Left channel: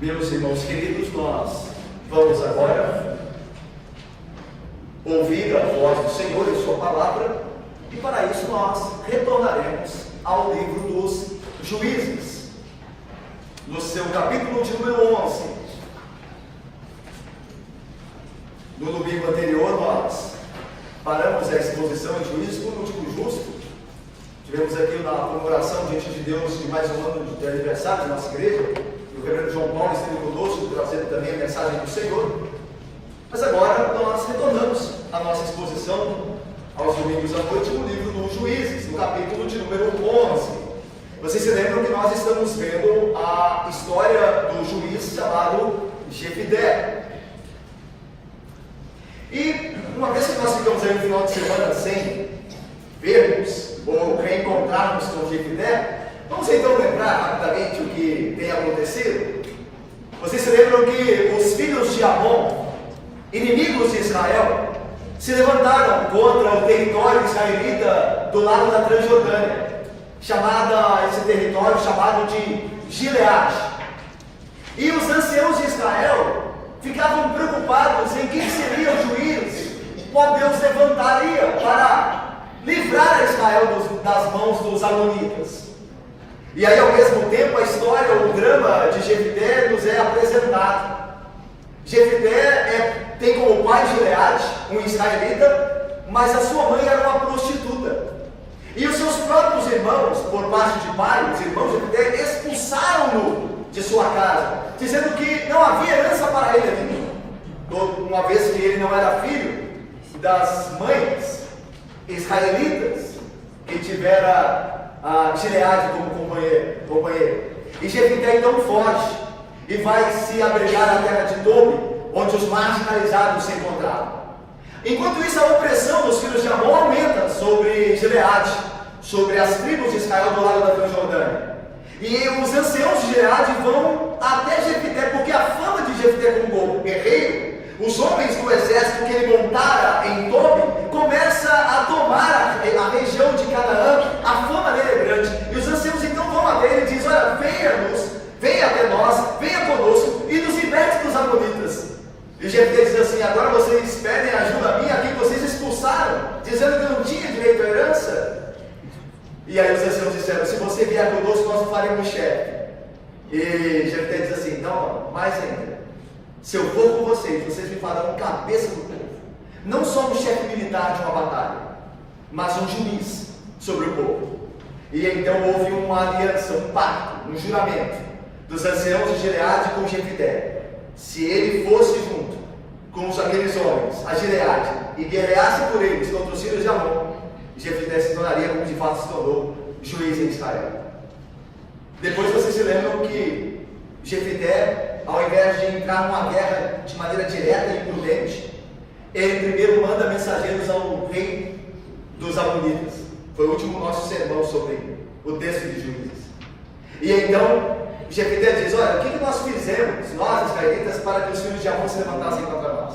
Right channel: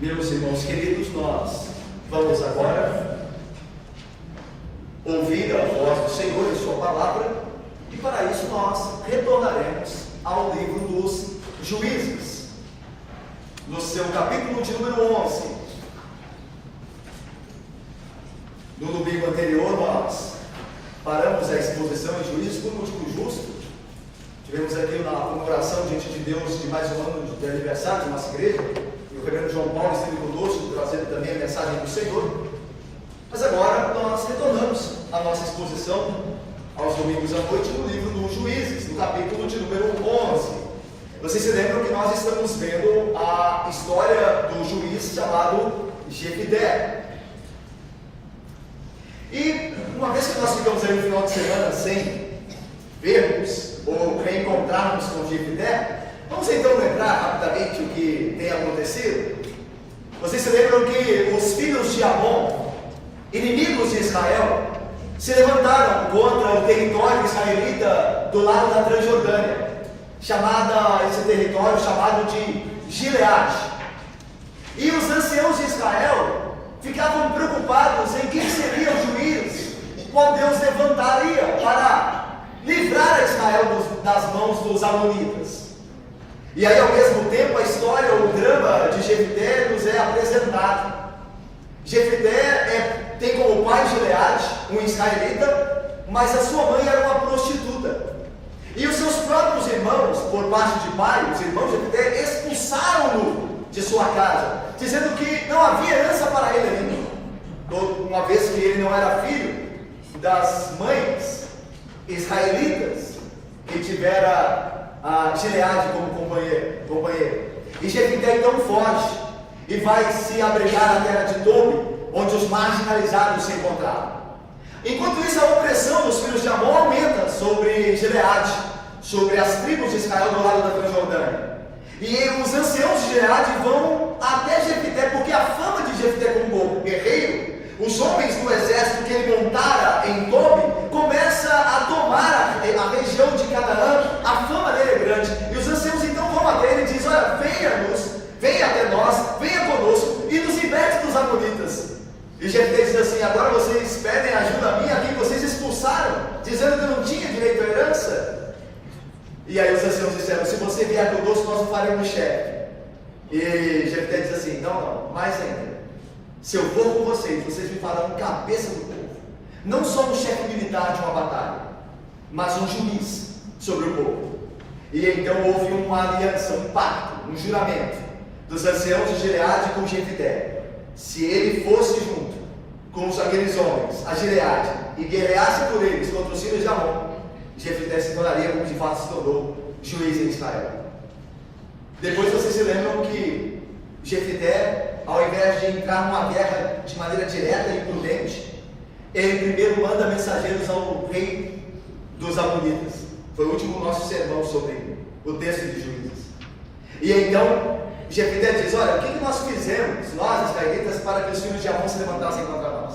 Meus irmãos queridos, nós vamos agora ouvir a voz do Senhor e sua palavra, e para isso nós retornaremos ao livro dos Juízes, no seu capítulo de número 11. No domingo anterior nós paramos a exposição em Juízes por motivo justo. Tivemos aqui na comemoração diante de Deus de mais um ano de aniversário de nossa igreja, e o reverendo João Paulo esteve conosco, trazendo também a mensagem do Senhor. Mas agora nós retornamos a nossa exposição aos domingos à noite no livro dos Juízes, no capítulo de número 11. Vocês se lembram que nós estamos vendo a história do juiz chamado Jefité. E uma vez que nós ficamos aí no final de semana sem vermos ou reencontrarmos com Jefité, vamos então lembrar rapidamente o que tem acontecido. Vocês se lembram que os filhos de Amon, inimigos de Israel, se levantaram contra o território israelita do lado da Transjordânia, esse território chamado de Gileade. E os anciãos de Israel ficavam preocupados em quem seria o juiz, qual Deus levantaria para livrar Israel das mãos dos amonitas. E aí, ao mesmo tempo, a história, o drama de Jefité nos é apresentado. Jefité tem como pai Gileade, um israelita, mas a sua mãe era uma prostituta. E os seus próprios irmãos, por parte de pai, os irmãos de Jefité, expulsaram-no de sua casa, dizendo que não havia herança para ele ainda, uma vez que ele não era filho das mães israelitas que tivera a Gileade como companheiro. E Jefité então foge e vai se abrigar na terra de Tobi, onde os marginalizados se encontravam. Enquanto isso, a opressão dos filhos de Amon aumenta sobre Gileade, sobre as tribos de Israel do lado da Transjordânia. E os anciãos de Gileade vão até Jefité, porque a fama de Jefité como guerreiro, os homens do exército que ele montara em Tobi, começa a tomar a região de Canaã. A fama dele é grande. E os anciãos então vão até ele e dizem: olha, venha até nós, venha conosco e nos liberte dos amonitas. E Jefté diz assim: agora vocês pedem ajuda minha, aqui vocês expulsaram, dizendo que eu não tinha direito à herança. E aí os anciãos disseram: se você vier conosco, nós o faremos chefe. E Jefté diz assim: não, mais ainda, se eu for com vocês me farão cabeça do povo, não só um chefe militar de uma batalha, mas um juiz sobre o povo. E então houve uma aliança, um pacto, um juramento dos anciãos de Gileade com Jefté. Se ele fosse junto com aqueles homens a Gileade e guerreasse por eles contra os filhos de Amon, Jefté se tornaria, como de fato se tornou, juiz em Israel. Depois vocês se lembram que Jefté, ao invés de entrar numa guerra de maneira direta e imprudente, ele primeiro manda mensageiros ao rei dos amonitas. Foi o último nosso sermão sobre o texto de Juízes. E então Jefté diz: olha, o que nós fizemos, nós israelitas, para que os filhos de Amon se levantassem contra nós?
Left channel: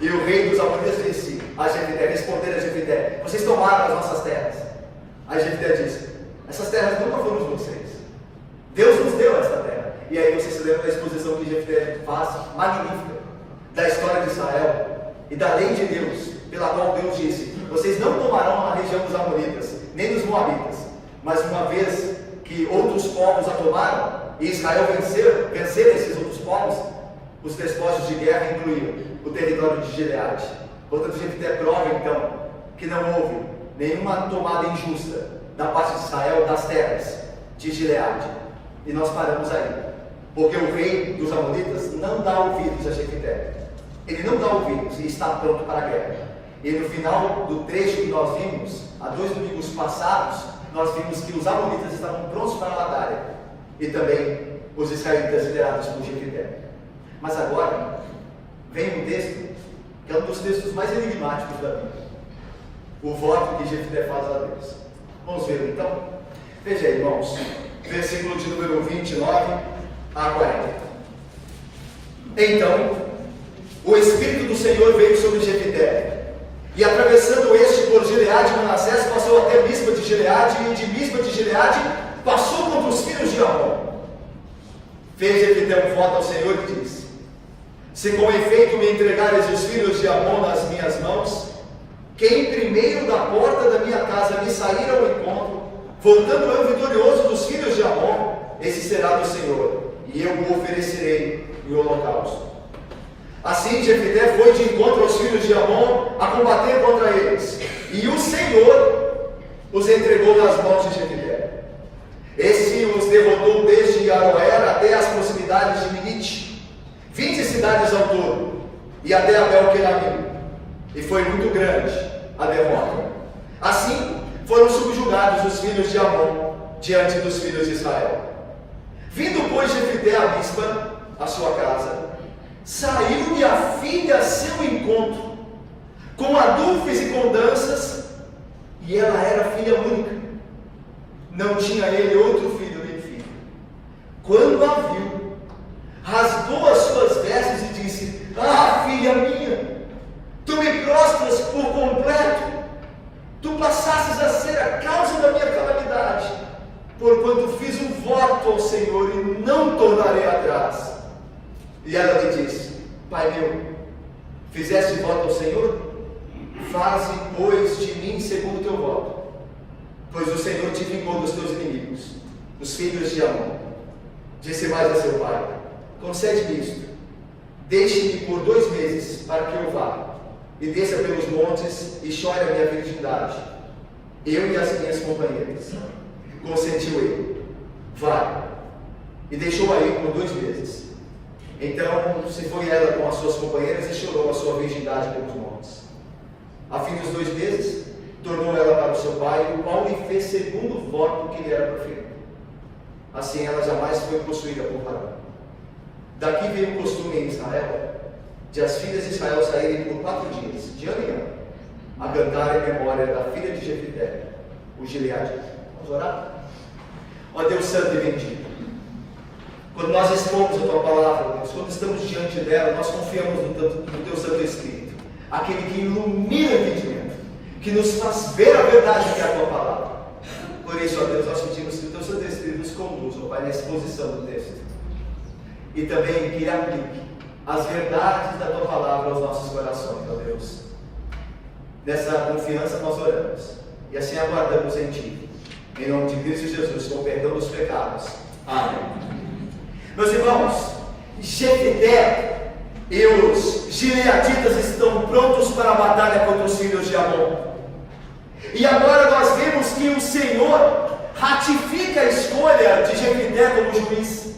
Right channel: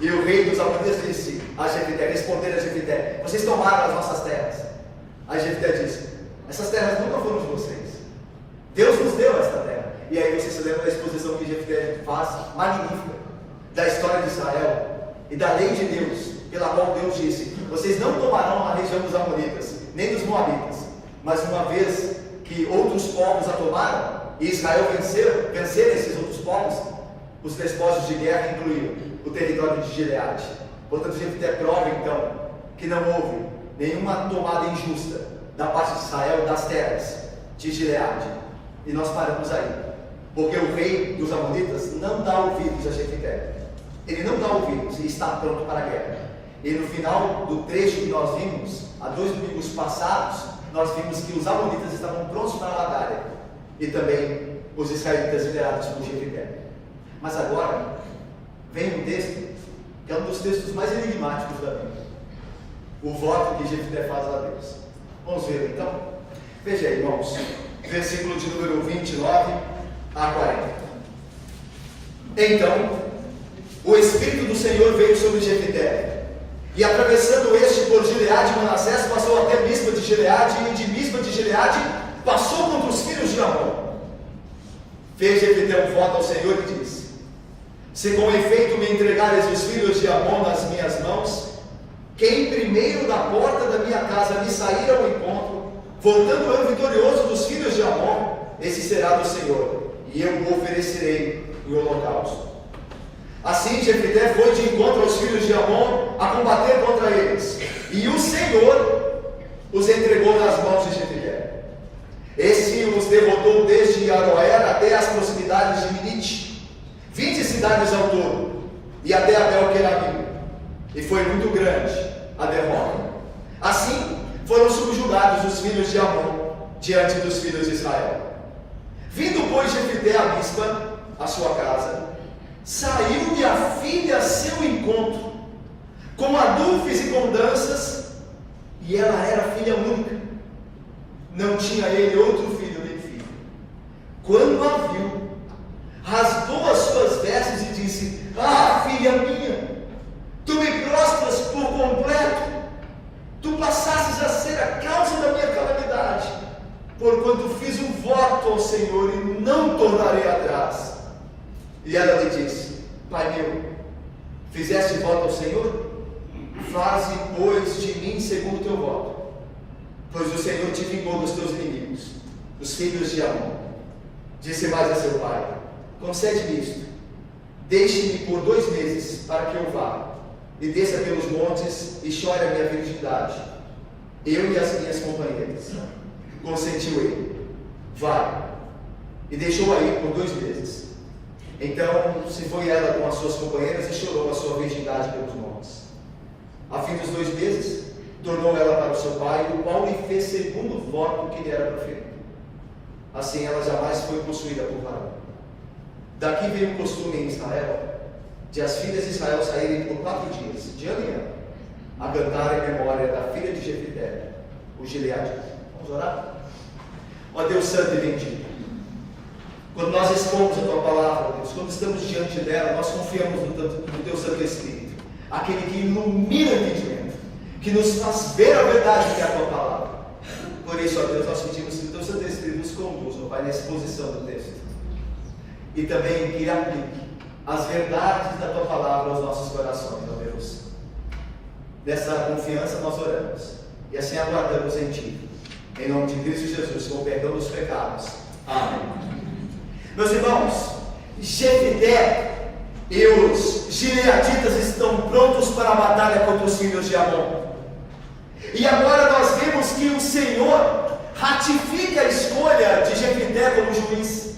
E o rei dos amonitas disse a Jefté, responderam a Jefté: vocês tomaram as nossas terras. Aí Jefté disse: essas terras nunca foram de vocês, Deus nos deu esta terra. E aí vocês se lembram da exposição que Jefté faz, magnífica, da história de Israel e da lei de Deus, pela qual Deus disse: vocês não tomarão a região dos amonitas, nem dos moabitas, mas uma vez que outros povos a tomaram, e Israel vencer esses outros povos, os despojos de guerra incluíam o território de Gileade. Portanto, Jefté prova então que não houve nenhuma tomada injusta da parte de Israel das terras de Gileade. E nós paramos aí, porque o rei dos amonitas não dá ouvidos a Jefté. Ele não dá ouvidos e está pronto para a guerra. E no final do trecho que nós vimos, há 2 domingos passados, nós vimos que os amonitas estavam prontos para a batalha, e também os israelitas liderados por Jefté. Mas agora vem um texto que é um dos textos mais enigmáticos da Bíblia, o voto que Jefté faz a Deus. Vamos ver então? Veja aí, irmãos, versículo de número 29 a 40. Então o Espírito do Senhor veio sobre Jefté, e atravessando este por Gileade e Manassés, passou até Mispa de Gileade, e de Mispa de Gileade passou contra os filhos de Amon. Fez Jefité um voto ao Senhor e disse: se com efeito me entregares os filhos de Amon nas minhas mãos, quem primeiro da porta da minha casa me sair ao encontro, voltando eu vitorioso dos filhos de Amon, esse será do Senhor, e eu o oferecerei em holocausto. Assim Jefité foi de encontro aos filhos de Amon a combater contra eles, e o Senhor os entregou nas mãos de Jefité. Esse os derrotou desde Aroer até as proximidades de Minite, 20 cidades ao todo, e até Abel-Queramim, e foi muito grande a derrota. Assim foram subjugados os filhos de Amon diante dos filhos de Israel. Vindo, pois, Jefité a Mispa, a sua casa, saiu-lhe a filha a seu encontro, com adufes e com danças, e ela era filha única. Não tinha ele outro filho nem filha. Quando a viu, rasgou as suas vestes e disse: ah, filha minha, tu me prostras por completo, tu passasses a ser a causa da minha calamidade, porquanto fiz um voto ao Senhor e não tornarei atrás. E ela lhe disse: pai meu, fizeste voto ao Senhor? Faze, pois, de mim segundo o teu voto, pois o Senhor te vingou dos teus inimigos, dos filhos de Amon. Disse mais a seu pai: concede-me isto, deixe-me por 2 meses para que eu vá, e desça pelos montes e chore a minha virgindade, eu e as minhas companheiras. Consentiu ele: vai. E deixou-a ir por 2 meses. Então se foi ela com as suas companheiras e chorou a sua virgindade pelos montes. A fim dos 2 meses, tornou ela para o seu pai, e o qual lhe fez segundo o voto que lhe era proferido. Assim ela jamais foi possuída por varão. Daqui veio o costume em Israel, de as filhas de Israel saírem por 4 dias, de ano em ano, a cantar em memória da filha de Jefité, o gileadita. Vamos orar? Ó Deus Santo e bendito, quando nós expomos a Tua palavra, Deus, quando estamos diante dela, nós confiamos no Teu Santo Espírito, aquele que ilumina o entendimento, que nos faz ver a verdade que é a Tua palavra. Por isso, ó Deus, nós pedimos que o Teu Santo Espírito nos conduza, ó Pai, na exposição do texto, e também que aplique as verdades da Tua palavra aos nossos corações, ó Deus. Nessa confiança nós oramos, e assim aguardamos em Ti, em nome de Cristo Jesus, com o perdão dos pecados. Amém. Meus irmãos, Jefité e os gileaditas estão prontos para a batalha contra os filhos de Amon. E agora nós vemos que o Senhor ratifica a escolha de Jefité como juiz.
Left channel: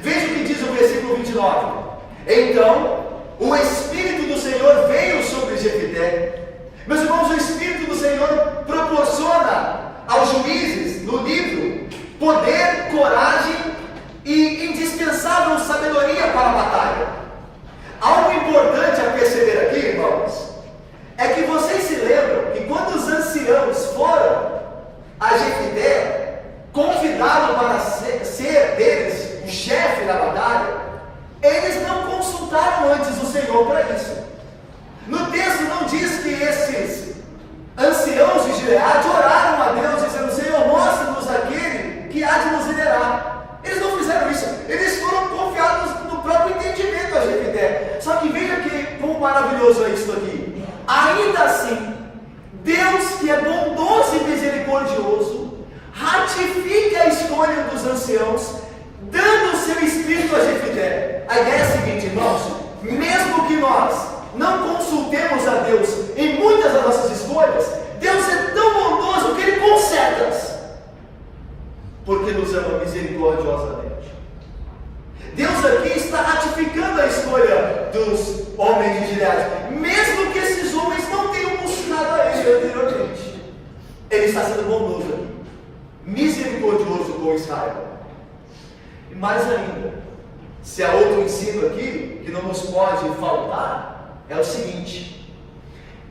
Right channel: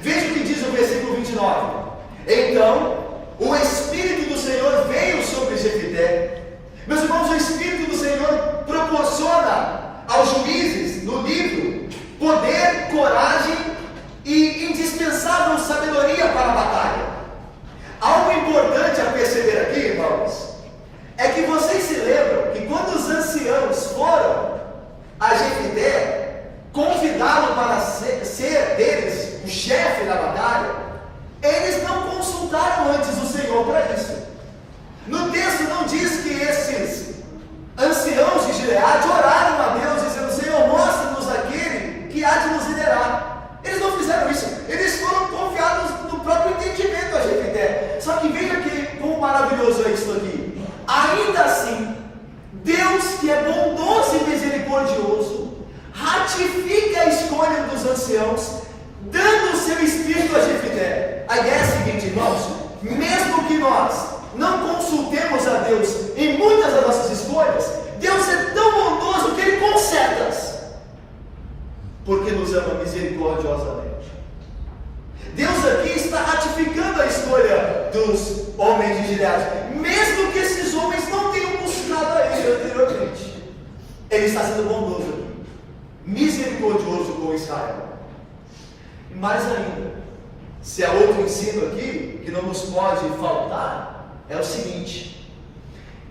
Veja o que diz o versículo 29. Então, o Espírito do Senhor veio sobre Jefité. Meus irmãos, o Espírito do Senhor proporciona aos juízes, no livro, poder, coragem e indispensável sabedoria para a batalha. Algo importante a perceber aqui, irmãos, é que vocês se lembram que quando os anciãos foram a Jefité, convidá-lo para ser deles o chefe da batalha, eles não consultaram antes o Senhor para isso. No texto não diz que esses anciãos de Gileade oraram a Deus dizendo: Senhor, mostra-nos aquele que há de nos liderar. Eles não fizeram isso, eles foram confiados no próprio entendimento a Jefité. Só que veja que quão maravilhoso é isso aqui. Ainda assim, Deus, que é bondoso e misericordioso, ratifica a escolha dos anciãos, dando o seu espírito a Jefité. A ideia é a seguinte, irmãos: mesmo que nós não consultemos a Deus em muitas das nossas escolhas, Deus é tão bondoso que Ele conserta-as, porque nos ama misericordiosamente. Deus aqui está ratificando a escolha dos homens de Gileade, mesmo que esses homens não tenham buscado a Ele anteriormente. Ele está sendo bondoso aqui, misericordioso com Israel. E mais ainda, se há outro ensino aqui que não nos pode faltar, é o seguinte:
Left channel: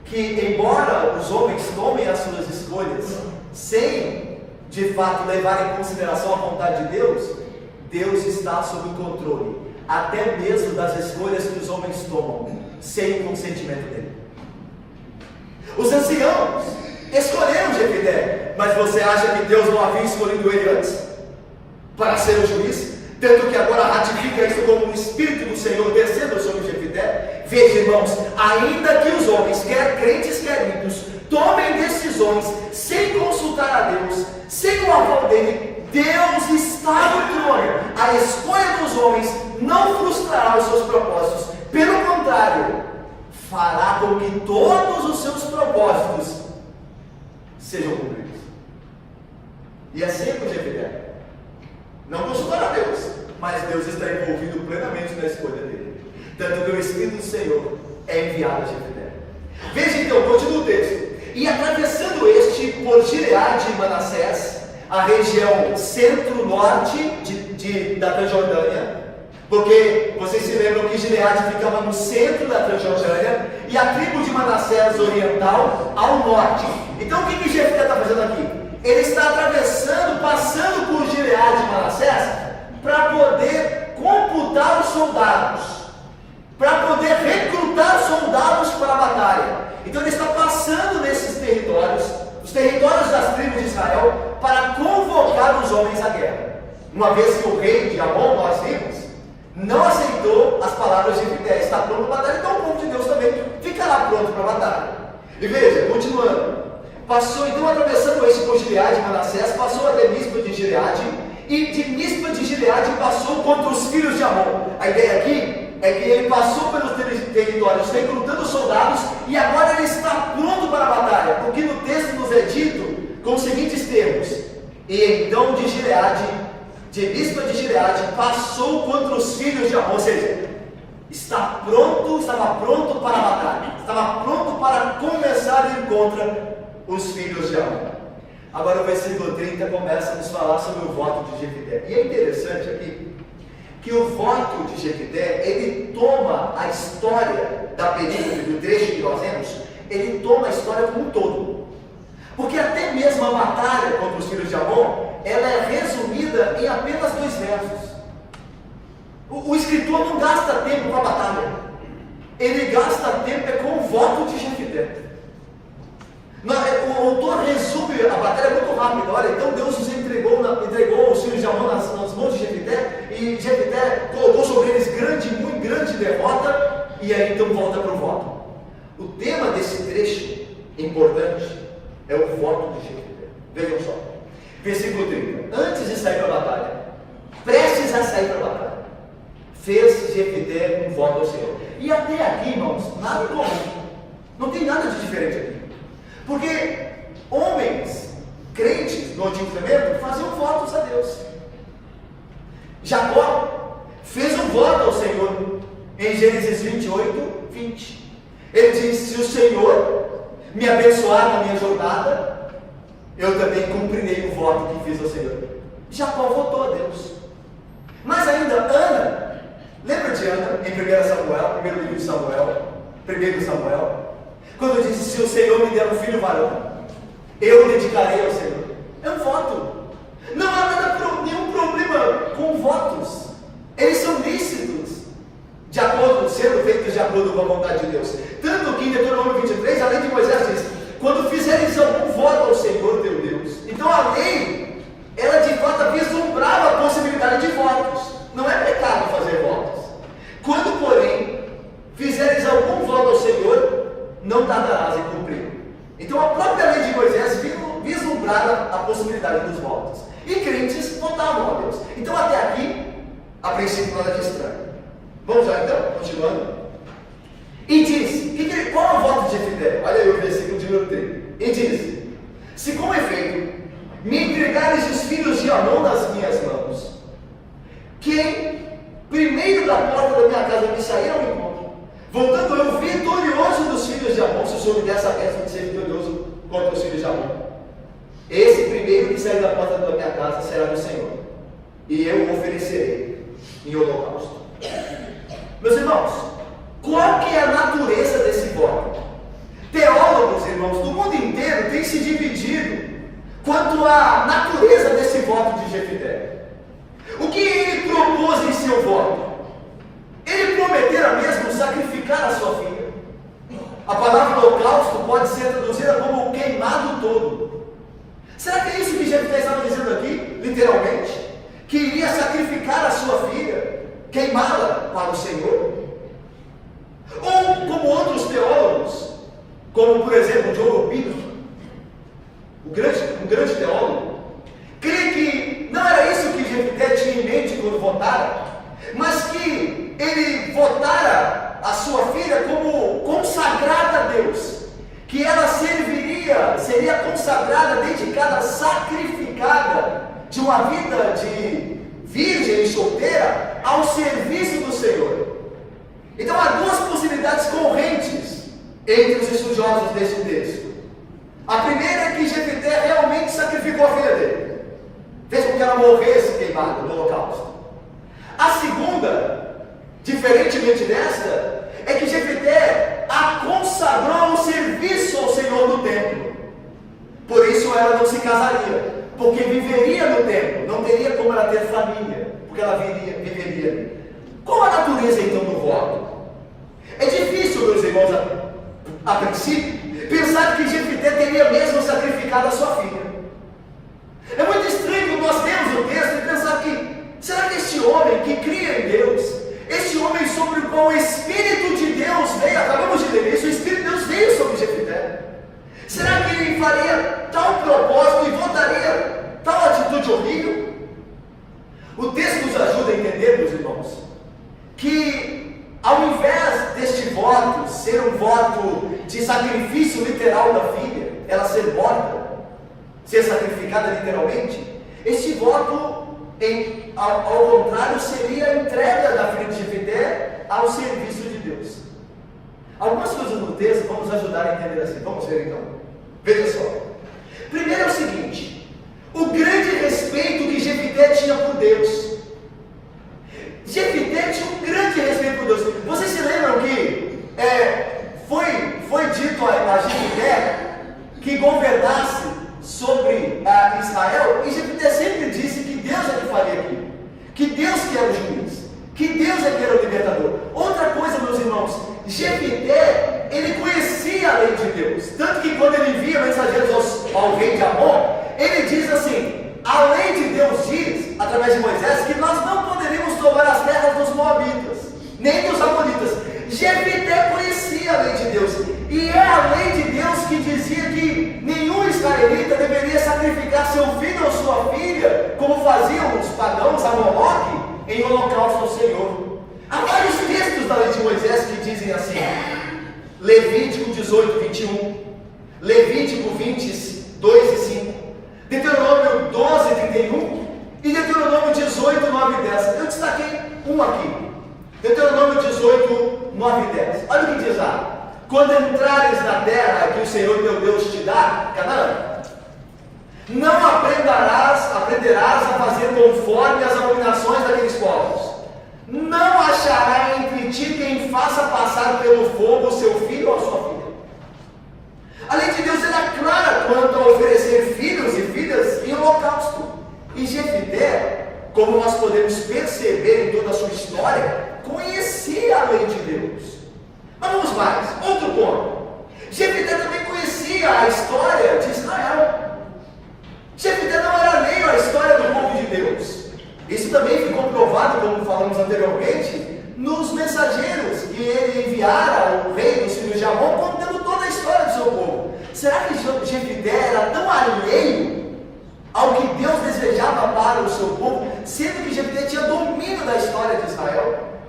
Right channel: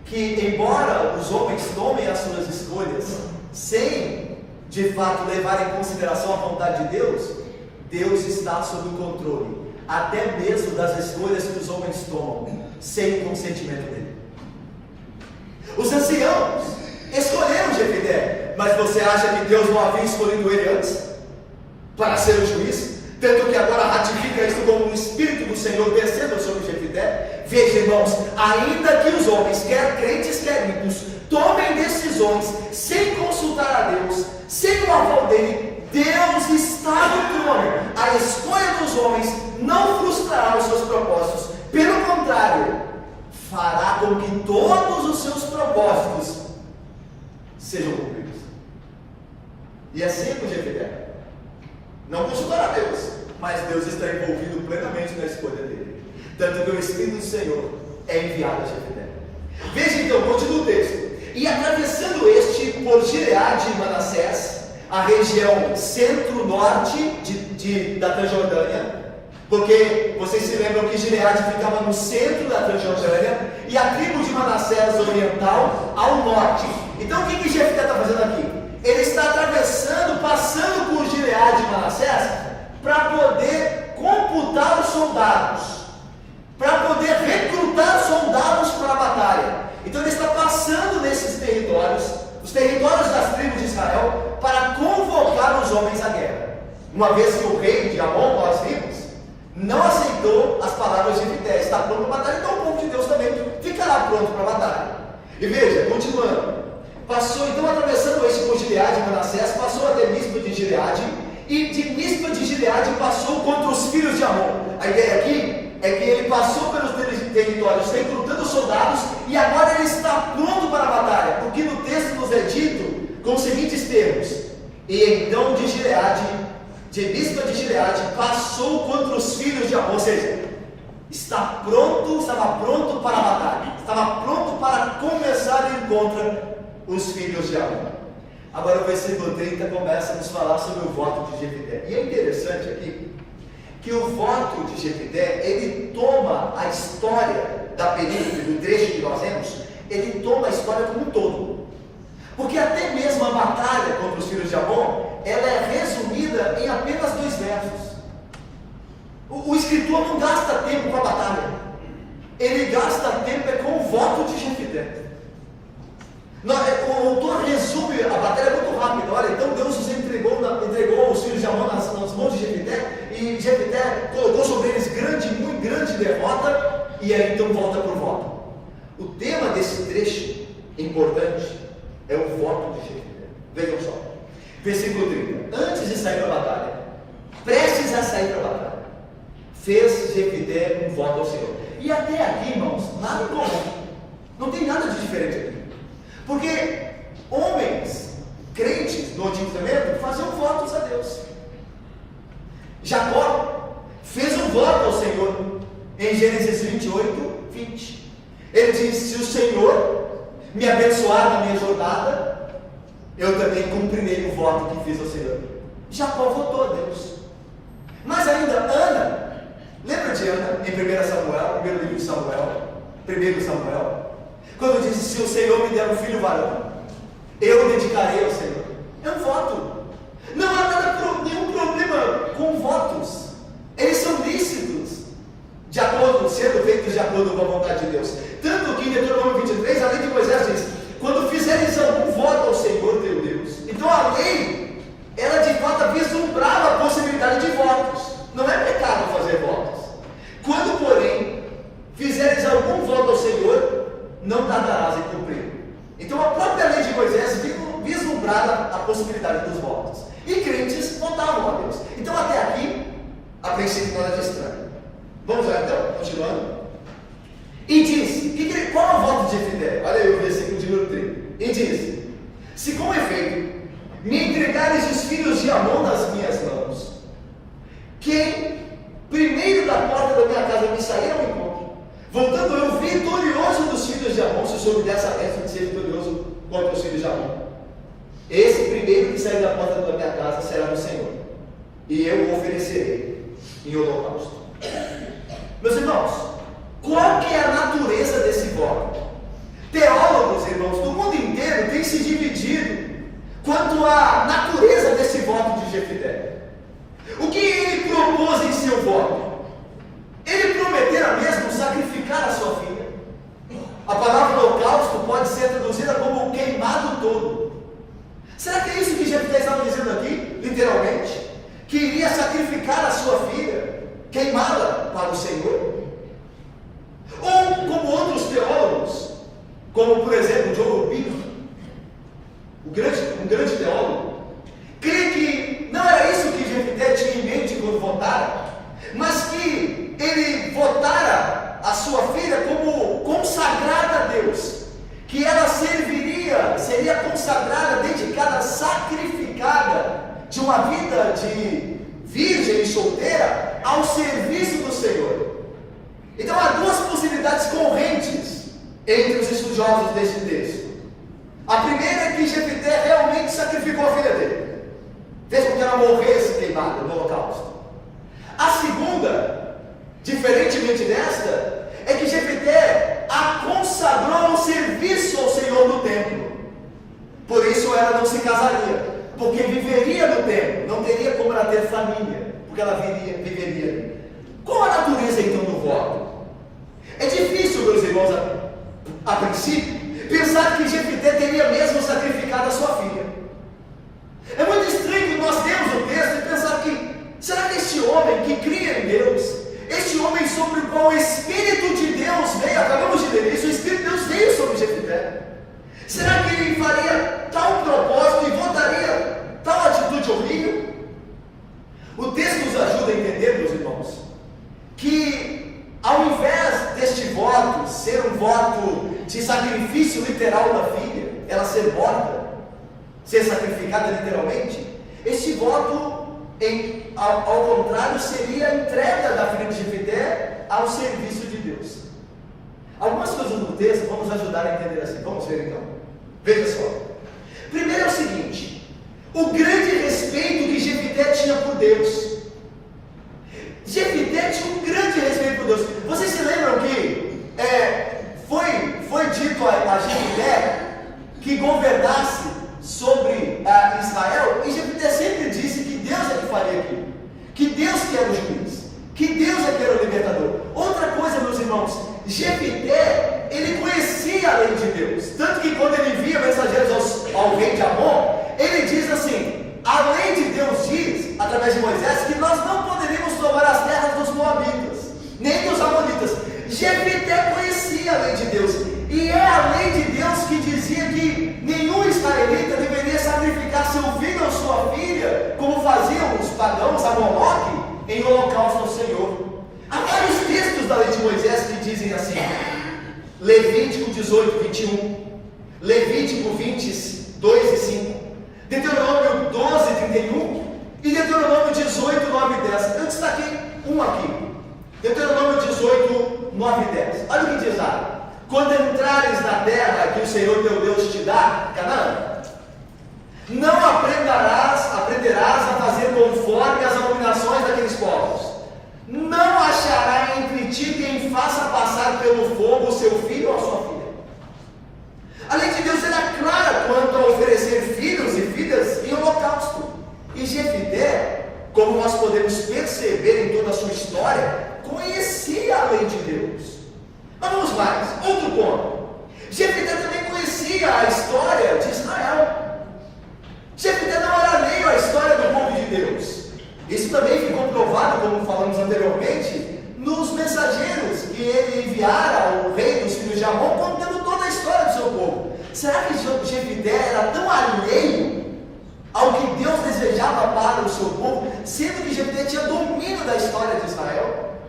que embora os homens tomem as suas escolhas sem de fato levar em consideração a vontade de Deus, Deus está sob o controle, até mesmo das escolhas que os homens tomam, sem o consentimento dele. Os anciãos escolheram Jefité, mas você acha que Deus não havia escolhido ele antes para ser o juiz? tanto que agora ratifica isso como o Espírito do Senhor descendo sobre Jefité. Veja, irmãos, ainda que os homens, quer crentes, quer ímpios, tomem decisões sem consultar a Deus, sem o aval dele, Deus está no trono. A escolha dos homens não frustrará os seus propósitos, pelo contrário, fará com que todos os seus propósitos sejam cumpridos. E assim com Jefité. Não consultará a Deus, mas Deus está envolvido plenamente na escolha dele. Tanto que o Espírito do Senhor é enviado a Jefité. Veja então, continua o texto. E atravessando por Gileade e Manassés, a região centro-norte da Transjordânia, porque vocês se lembram que Gileade ficava no centro da Transjordânia e a tribo de Manassés oriental ao norte. Então o que Jefté está fazendo aqui? Ele está atravessando, passando por Gileade e Manassés para poder computar os soldados, para poder recrutar soldados para a batalha. Então ele está passando nesses territórios, os territórios das tribos de Israel, para convocar os homens à guerra. Uma vez que o rei de Amon, nós vimos, não aceitou as palavras de Jefté, está pronto para a batalha, então o povo de Deus também ficará pronto para a batalha. E veja, continuando, passou então atravessando esse por Gileade e Manassés, passou até Mispa de Gileade, e de Mispa de Gileade passou contra os filhos de Amon. A ideia aqui é que ele passou pelos territórios recrutando soldados e agora ele está pronto para a batalha, porque no texto nos é dito com os seguintes termos: e então de Mispa de Gileade passou contra os filhos de Amon, ou seja, estava pronto para a batalha, estava pronto para começar ele contra os filhos de Amon. Agora o versículo 30 começa a nos falar sobre o voto de Jefté. E é interessante aqui que o voto de Jefté, ele toma a história da perícope, do trecho que nós vemos, ele toma a história como um todo. Porque até mesmo a batalha contra os filhos de Amon, ela é resumida em apenas 2 versos. O escritor não gasta tempo com a batalha, ele gasta tempo com o voto de Jefté. O autor resume a batalha muito rápido. Olha, então Deus os entregou os filhos de Amon nas mãos de Jefté, e Jefté colocou sobre eles muito grande derrota, e aí então volta para o voto. O tema desse trecho importante é o voto de Jefté. Vejam só, versículo 30. Antes de sair para a batalha, prestes a sair para a batalha, fez Jefté um voto ao Senhor. E até aqui, irmãos, nada comum, não tem nada de diferente aqui. Porque homens crentes no Antigo Testamento faziam votos a Deus. Jacó fez um voto ao Senhor em Gênesis 28, 20. Ele disse: se o Senhor me abençoar na minha jornada, eu também cumprirei o voto que fiz ao Senhor. Jacó votou a Deus. Mas ainda Ana, lembra de Ana em 1 Samuel, primeiro livro de Samuel, 1 Samuel, quando disse: se o Senhor me der um filho varão, eu dedicarei ao Senhor. É um voto. Não há nenhum problema com votos. Eles são lícitos, sendo feitos de acordo com a vontade de Deus. Tanto que em Deuteronômio 23, a lei de Moisés diz: quando fizeres algum voto ao Senhor teu Deus. Então a lei, ela de fato vislumbrava a possibilidade de votos. Não é pecado fazer votos. Quando, porém, fizeres algum voto ao Senhor, não tardarás em cumprir. Então a própria lei de Moisés vislumbrava a possibilidade dos votos. E crentes votavam a Deus. Então até aqui, a princípio nada de estranho. Vamos lá então, continuando. E disse, qual é o voto de Jefté? Olha aí o versículo de número 30. E disse: se com efeito me entregares os filhos de Amon nas minhas mãos, quem primeiro da porta da minha casa me sair ao encontro, voltando eu vitorioso dos filhos de Amon, se o Senhor me der essa bênção de ser vitorioso contra os filhos de Amon, esse primeiro que sair da porta da minha casa será do Senhor, e eu o oferecerei em holocausto. Meus irmãos, qual que é a natureza desse voto? Teólogos, irmãos, do mundo inteiro têm se dividido quanto à natureza desse voto de Jefté. O que ele propôs em seu voto? Ele prometera mesmo sacrificar a sua filha. A palavra holocausto pode ser traduzida como queimado todo. Será que é isso que Jefté estava dizendo aqui, literalmente? que iria sacrificar a sua filha, queimá-la para o Senhor? Ou como outros teólogos, como por exemplo John Lupino, um grande teólogo, crê que não era isso que Jefté tinha em mente quando votara, mas que ele votara a sua filha como consagrada a Deus, que ela seria consagrada, dedicada, sacrificada de uma vida de virgem e solteira ao serviço do Senhor. Então há duas possibilidades correntes entre os estudiosos desse texto. A primeira é que Jefté realmente sacrificou a filha dele, fez com que ela morresse queimada no holocausto. A segunda, diferentemente desta, é que Jefté a consagrou ao serviço ao Senhor no templo. Por isso ela não se casaria, porque viveria no templo, não teria como ela ter família, porque ela viveria ali. Qual a natureza então do voto? É difícil, meus irmãos, a princípio, pensar que Jefté teria mesmo sacrificado a sua filha. É muito estranho nós temos o texto e pensar que, será que este homem que cria em Deus, este homem sobre o qual o Espírito de Deus veio, acabamos de ler isso, o Espírito de Deus veio sobre Jefté, será que ele faria tal propósito e votaria tal atitude horrível? O texto nos ajuda a entender, meus irmãos, que ao invés deste voto ser um voto de sacrifício literal da filha, ela ser morta, ser sacrificada literalmente, este voto, ao contrário, seria a entrega da filha de Jefté ao serviço de Deus. Algumas coisas no texto vão nos ajudar a entender assim. Vamos ver então. Veja só. Primeiro é o seguinte: o grande respeito que Jefté tinha por Deus. Jefté tinha um grande respeito por Deus. Vocês se lembram que foi dito a Jefté que governasse sobre Israel, e Jefté sempre disse que Deus é que faria aquilo, que Deus que era o juiz, que Deus é que era o libertador. Outra coisa, meus irmãos, Jefté, ele conhecia a lei de Deus, tanto que quando ele via mensageiros ao rei de Amon, ele diz assim: a lei de Deus diz, através de Moisés, que nós não poderíamos tomar as terras dos Moabitas, nem dos Amonitas. Jefté conhecia a lei de Deus, e é a lei de Deus que dizia que nenhum israelita deveria sacrificar seu filho ou sua filha, como faziam os pagãos a Moloque, em holocausto ao Senhor. Há vários textos da lei de Moisés que dizem assim: Levítico 18, 21, Levítico 22 e 5, Deuteronômio 12, 31 e Deuteronômio 18, 9 e 10. Eu destaquei um aqui, Deuteronômio 18, 9 e 10. Olha o que diz lá: quando entrares na terra que o Senhor teu Deus te dá, Canaã, não aprenderás a fazer conforme as abominações daqueles povos. Não achará entre ti quem faça passar pelo fogo o seu filho ou a sua filha. A lei de Deus era clara quanto a oferecer filhos e filhas em holocausto. E Jefté, como nós podemos perceber em toda a sua história, conhecia a lei de Deus. Mas vamos mais, outro ponto. Jefté também conhecia a história de Israel. Jefté não era alheio à história do povo de Deus. Isso também ficou provado, como falamos anteriormente, nos mensageiros que ele enviara ao rei dos filhos de Amon, contando toda a história do seu povo. Será que Jefté era tão alheio ao que Deus desejava para o seu povo, sendo que Jefté tinha domínio da história de Israel?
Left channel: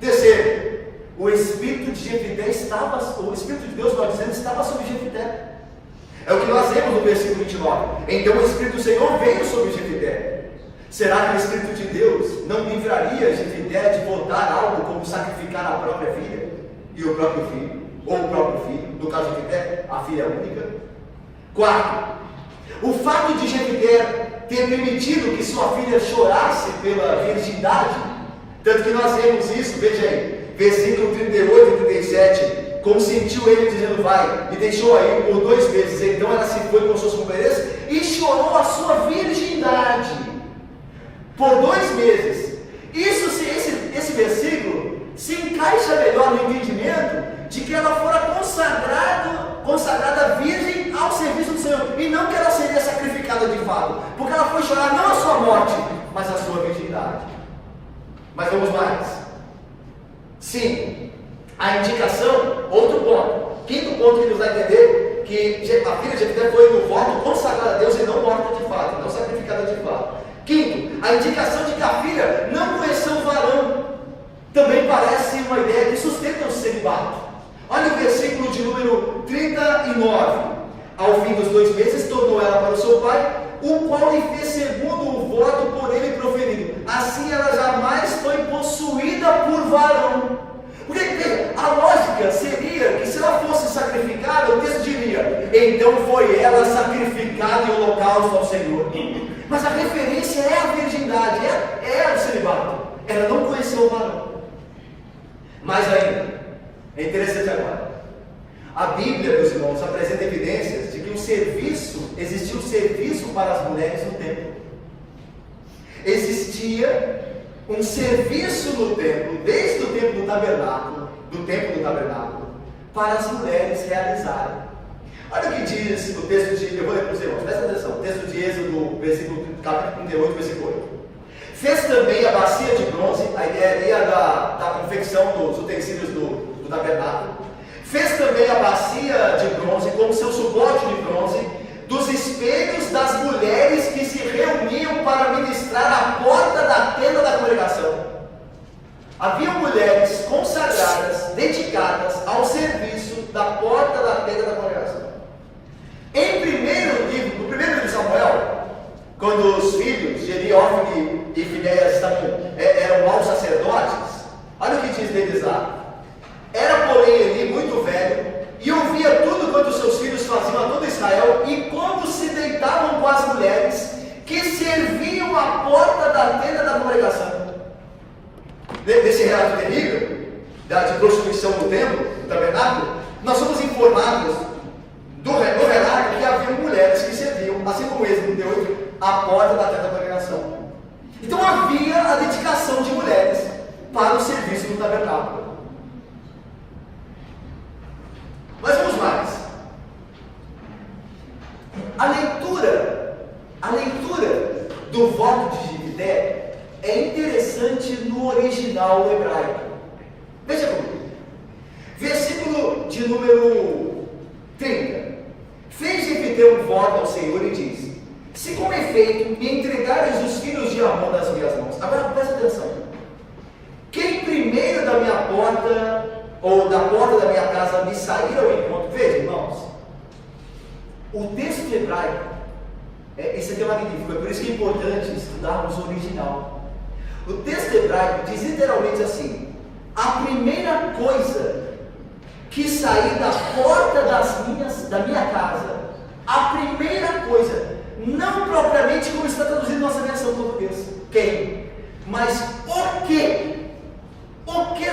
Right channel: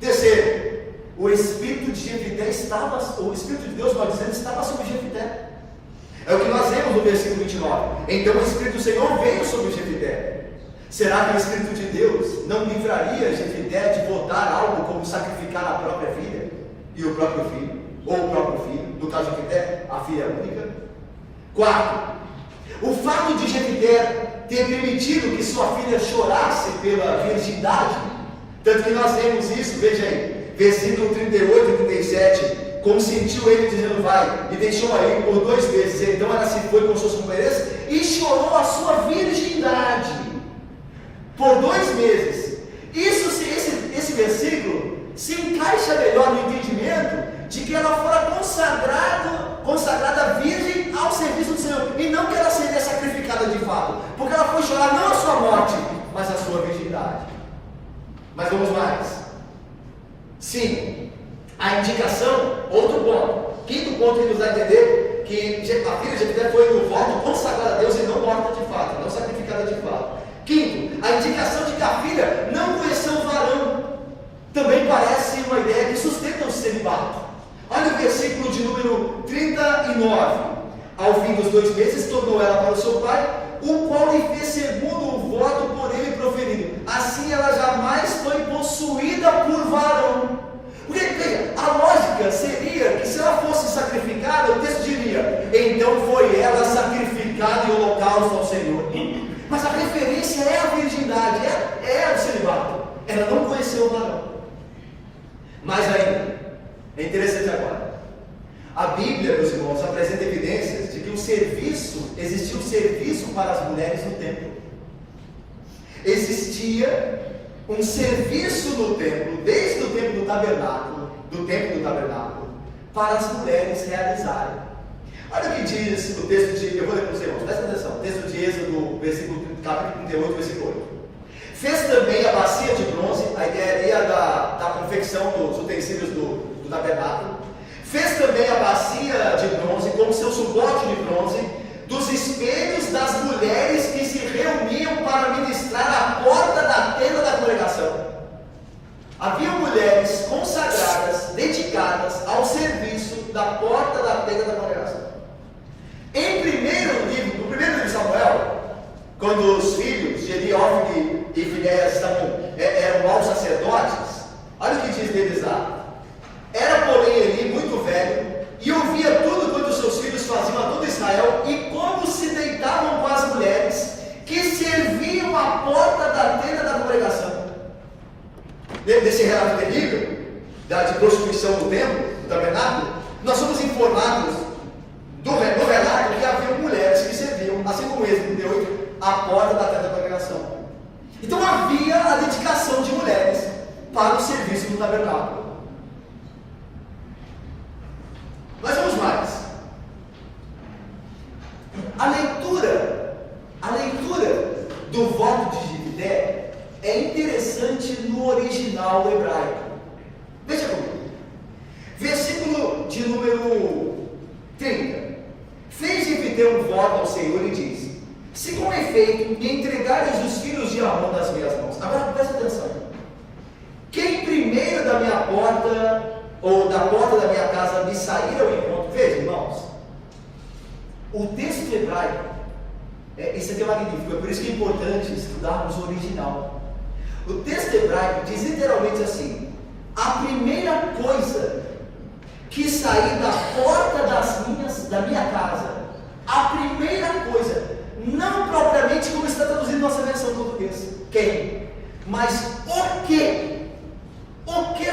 Terceiro, o Espírito de Jefté o Espírito de Deus, nós dizemos, estava sobre Jefté. É o que nós vemos no versículo 29. Então o Espírito do Senhor veio sobre Jefté. Será que o Espírito de Deus não livraria Jefté de votar algo como sacrificar a própria filha e o próprio filho, ou o próprio filho, no caso de Jefté, a filha única? Quarto, o fato de Jefté ter permitido que sua filha chorasse pela virgindade, tanto que nós vemos isso, veja aí, versículo 38 e 37, consentiu ele dizendo: vai, e deixou aí por 2 meses. Então ela se foi com suas companheiras e chorou a sua virgindade por 2 meses. Esse versículo se encaixa melhor no entendimento de que ela fora consagrada virgem ao serviço do Senhor, e não que ela seria sacrificada de fato, porque ela foi chorar não a sua morte, mas a sua E a indicação, outro ponto, quinto ponto que nos dá a entender que a filha de Jefité foi no voto consagrada a Deus e não morta de fato, não sacrificada de fato. Quinto, a indicação de que a filha não conheceu o varão também parece uma ideia que sustenta o celibato. Olha o versículo de número 39. Ao fim dos 2 meses, tornou ela para o seu pai, o qual lhe fez segundo o voto por ele proferido. Assim ela jamais foi possuída por varão. Porque, veja, a lógica seria que se ela fosse sacrificada, o texto diria, então foi ela sacrificada em holocausto ao Senhor. Mas a referência é a virgindade, é o celibato. Ela não conheceu o varão. Mais ainda, é interessante agora. A Bíblia, meus irmãos, apresenta evidências de que existiu serviço para as mulheres no templo. Existia um serviço no templo, desde o tempo do tabernáculo, para as mulheres realizarem. Olha o que diz o texto de, eu vou ler para os irmãos, presta atenção, o texto de Êxodo, capítulo 38, versículo 8. Fez também a bacia de bronze, a ideia da confecção dos utensílios do tabernáculo. Fez também a bacia de bronze, como seu suporte de bronze, dos espelhos das mulheres que se reuniam para ministrar à porta da tenda da congregação. Havia mulheres consagradas, dedicadas ao serviço da porta da tenda da congregação. No primeiro livro de Samuel, quando os filhos de Eli, Ofni e Finéias eram maus sacerdotes, olha o que diz deles lá. Era, porém, Eli muito velho, e ouvia tudo quanto seus filhos faziam a todo Israel, e como se deitavam com as mulheres que serviam à porta da tenda da congregação. Nesse relato terrível, de prostituição do templo, do tabernáculo, nós somos informados no relato que havia mulheres que serviam, assim como Êxodo 38, à porta da tenda da congregação. Então havia a dedicação de mulheres para o serviço do tabernáculo. Mas vamos mais. A leitura do voto de Jefité é interessante no original hebraico. Veja comigo. Versículo de número 30. Fez Jefité um voto ao Senhor e disse: se com efeito me entregares os filhos de Amon nas minhas mãos. Agora presta atenção. Quem primeiro da minha porta ou da porta da minha casa me sair ao encontro. Veja, irmãos, o texto hebraico, esse aqui é magnífico, é por isso que é importante estudarmos o original. O texto hebraico diz literalmente assim: a primeira coisa que sair da porta da minha casa, a primeira coisa, não propriamente como está traduzindo nossa versão portuguesa, quem? Mas o que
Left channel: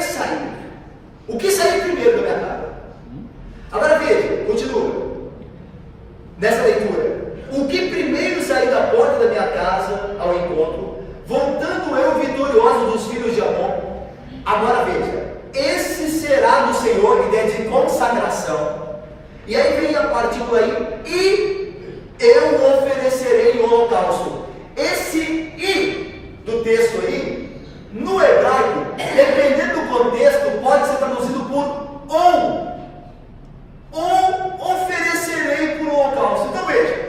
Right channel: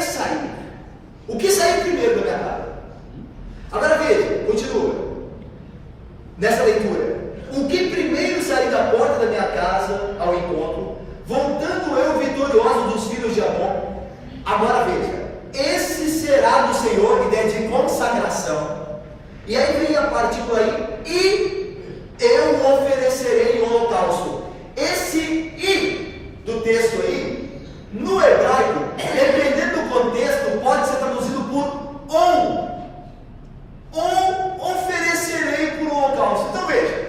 sair? O que saiu primeiro da minha casa? Agora veja, continua. Nessa leitura. O que primeiro sair da porta da minha casa ao encontro, voltando eu vitorioso dos filhos de Amon. Agora veja. Esse será do Senhor, ideia de consagração. E aí vem a partícula aí. E eu oferecerei o holocausto. Esse "e" do texto aí, no hebraico, dependendo do contexto, pode ser traduzido por ou oferecerei por holocausto. Então veja,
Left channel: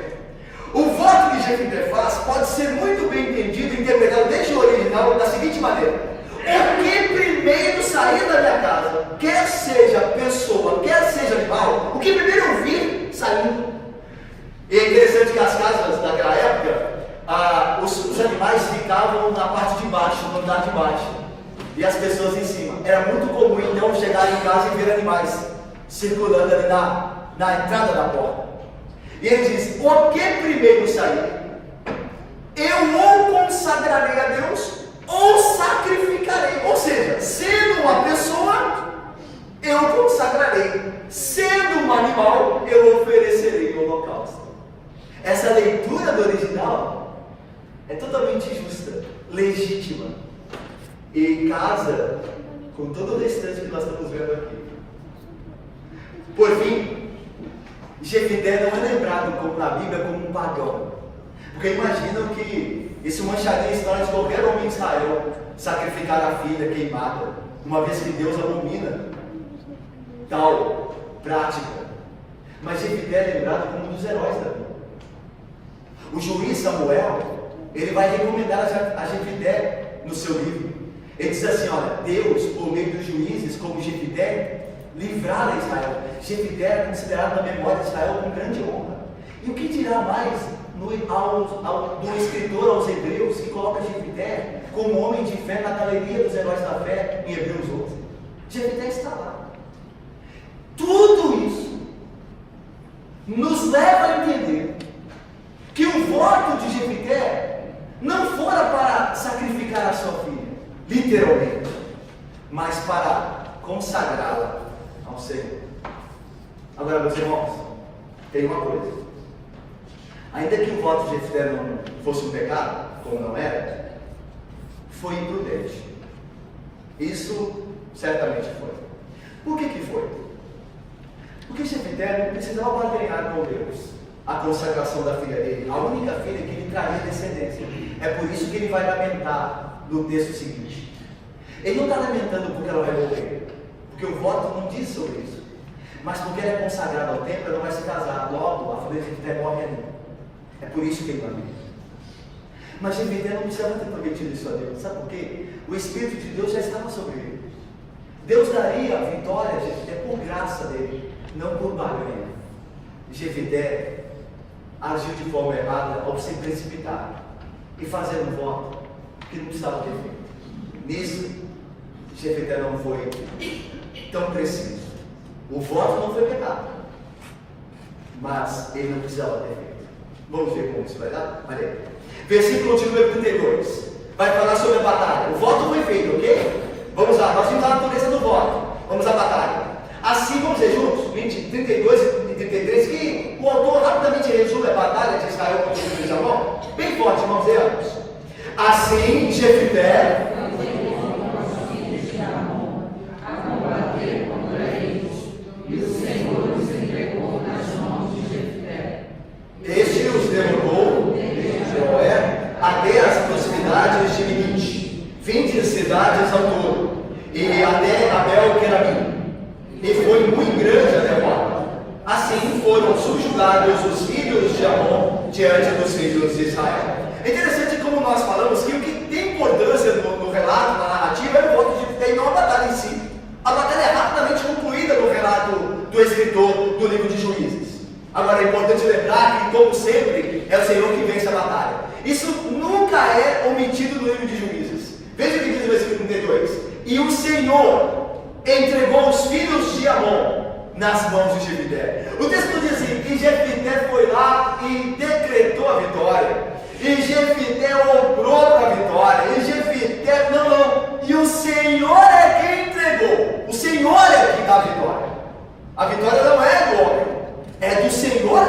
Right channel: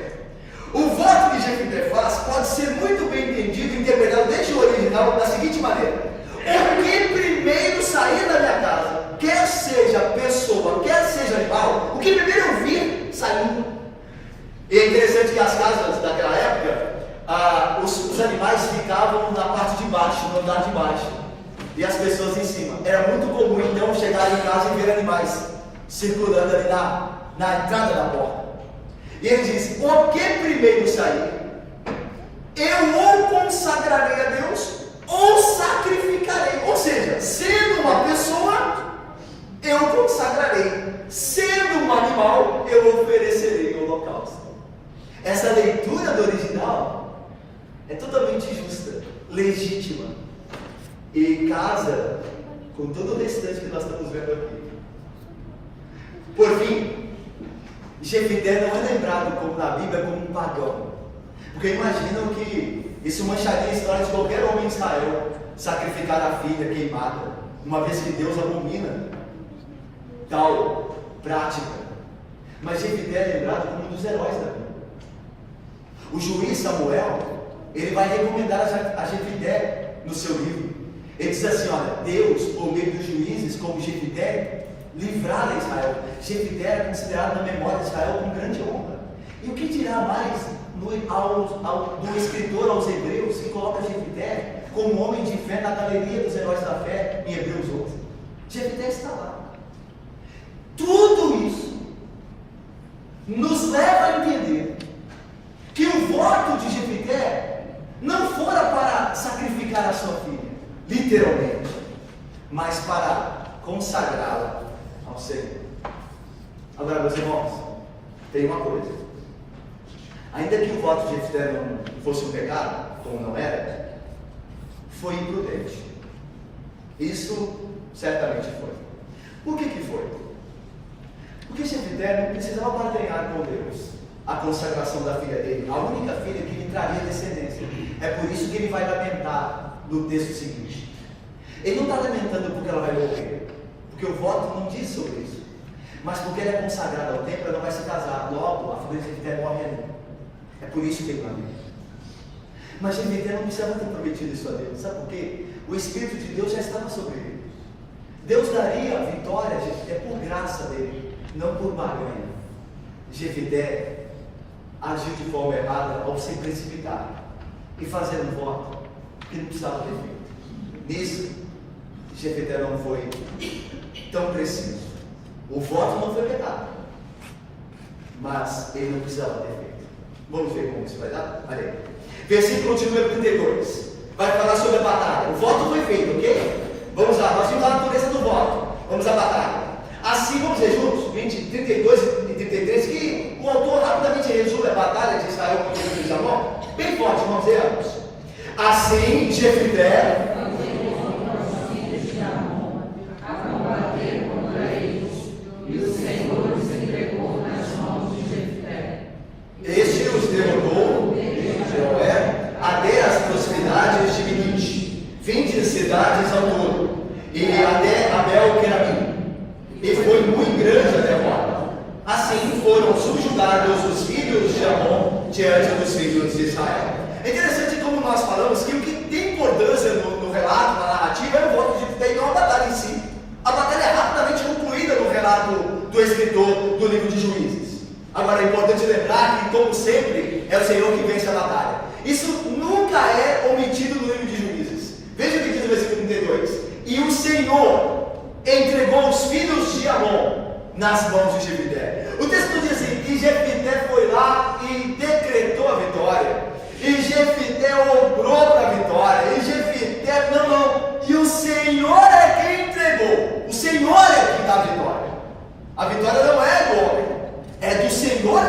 o voto que Jefité faz pode ser muito bem entendido e interpretado desde o original da seguinte maneira: o que primeiro sair da minha casa, quer seja pessoa, quer seja animal, o que primeiro eu vi, saiu. E é interessante que as casas daquela época, os animais ficavam na parte de baixo, no andar de baixo, e as pessoas em cima. Era muito comum então chegar em casa e ver animais circulando ali na entrada da porta. E ele diz: o que primeiro sair, eu ou consagrarei a Deus, ou sacrificarei. Ou seja, sendo uma pessoa, eu consagrarei. Sendo um animal, eu oferecerei o holocausto. Essa leitura do original é totalmente justa, legítima, e casa com todo o restante que nós estamos vendo aqui. Por fim, Jefité não é lembrado como na Bíblia como um pagão, porque imaginam que isso mancharia a história de qualquer homem de Israel sacrificar a filha queimada. uma vez que Deus abomina tal prática. Mas Jefité é lembrado como um dos heróis da Bíblia. O juiz Samuel, ele vai recomendar a Jefité no seu livro. Ele diz assim: olha, Deus, por meio dos juízes como Jefité, livrara Israel. Jefité era considerado na memória de Israel com grande honra. E o que dirá mais do escritor aos Hebreus, que coloca Jefité como homem de fé na galeria dos heróis da fé em Hebreus 11? Jefité está lá. Tudo isso nos leva a entender que o voto de Jefité não fora para sacrificar a sua filha, literalmente, mas para consagrá-la ao Senhor. Agora, meus irmãos, tem uma coisa: ainda que o voto de Jefité não fosse um pecado, como não era, foi imprudente. Isso certamente foi. Por que foi? Porque Jefité não precisava barganhar com Deus a consagração da filha dele, a única filha que lhe traria descendência. É por isso que ele vai lamentar no texto seguinte. Ele não está lamentando porque ela vai morrer, porque o voto não diz sobre isso, mas porque ela é consagrada ao templo, ela vai se casar. Logo, a família de Jefité morre ali. É por isso que ele lamenta. Mas Jefité não precisava ter prometido isso a Deus. Sabe por quê? O Espírito de Deus já estava sobre ele. Deus daria a vitória a Jefité por graça dele, não por barganha. Jefité agiu de forma errada ao se precipitar e fazer um voto que não precisava ter feito. Nisso, Jefité não foi tão preciso. O voto não foi pecado, mas ele não precisava ter feito. Vamos ver como isso vai dar? Olha aí. Versículo de número 32. Vai falar sobre a batalha. O voto foi feito, ok? Vamos lá, nós vamos lá na cabeça do voto. Vamos à batalha. Assim, vamos ver juntos, 32 e 33, que o autor rapidamente resume a batalha de Israel contra o filho de Amon. Bem forte, irmãos, veamos. Assim, Jefité este os derrubou, até as proximidades de Minite, 20 cidades ao todo, e até Abel-Querabim, e foi muito grande a derrota. Assim foram subjugados os filhos de Amon diante dos filhos de Israel. É interessante como nós falamos que o que tem importância no relato, na narrativa, é o voto de Jefité e não a batalha em si. A batalha é rapidamente concluída no relato do escritor do livro de Juízes. Agora é importante lembrar que, como sempre, é o Senhor que vence a batalha. Isso nunca é omitido no livro de Juízes. Veja o que diz o versículo 32. E o Senhor entregou os filhos de Amon nas mãos de Jefité. O texto diz assim, que Jefité foi lá e decretou a vitória. E Jefité obrou para a vitória. E Jefité, não. E o Senhor é quem entregou. O Senhor é quem dá a vitória. A vitória não é do homem. É do Senhor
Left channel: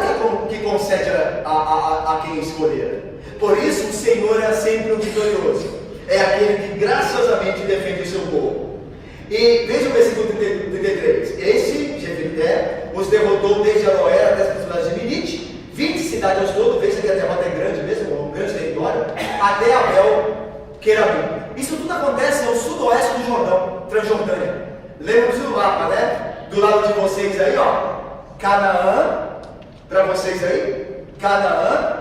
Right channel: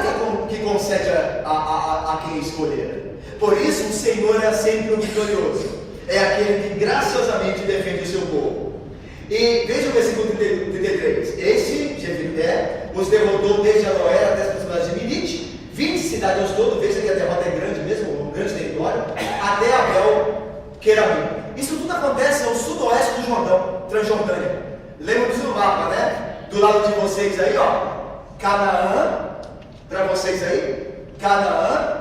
que concede a quem escolher. Por isso o Senhor é sempre o vitorioso. É aquele que graciosamente defende o seu povo. E veja o versículo 33. Este, Jefité, os derrotou desde Aroer até as proximidades de Minite, 20 cidades ao todo. Veja que a derrota é grande mesmo, um grande território, até Abel-Querabim. Isso tudo acontece ao sudoeste do Jordão, Transjordânia. Lembra-se do mapa, né? Do lado de vocês aí, ó. Canaã, para vocês aí, Canaã,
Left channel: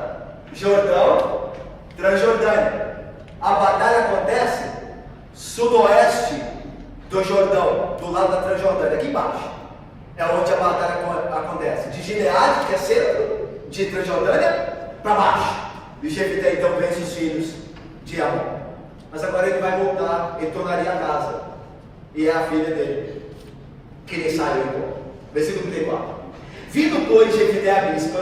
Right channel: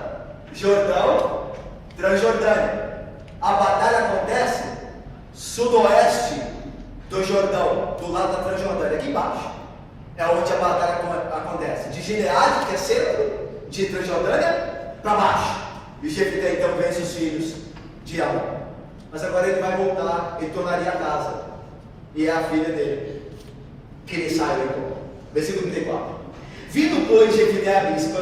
Jordão, Transjordânia. A batalha acontece sudoeste do Jordão, do lado da Transjordânia, aqui embaixo. É onde a batalha acontece. De Gileade, que é centro, de Transjordânia, para baixo. E o Jefité então vence os filhos de Amon. Mas agora ele vai voltar, ele tornaria a casa. E é a filha dele que ele saiu então. Versículo 34. Vindo, pois, Jefité a Mispa,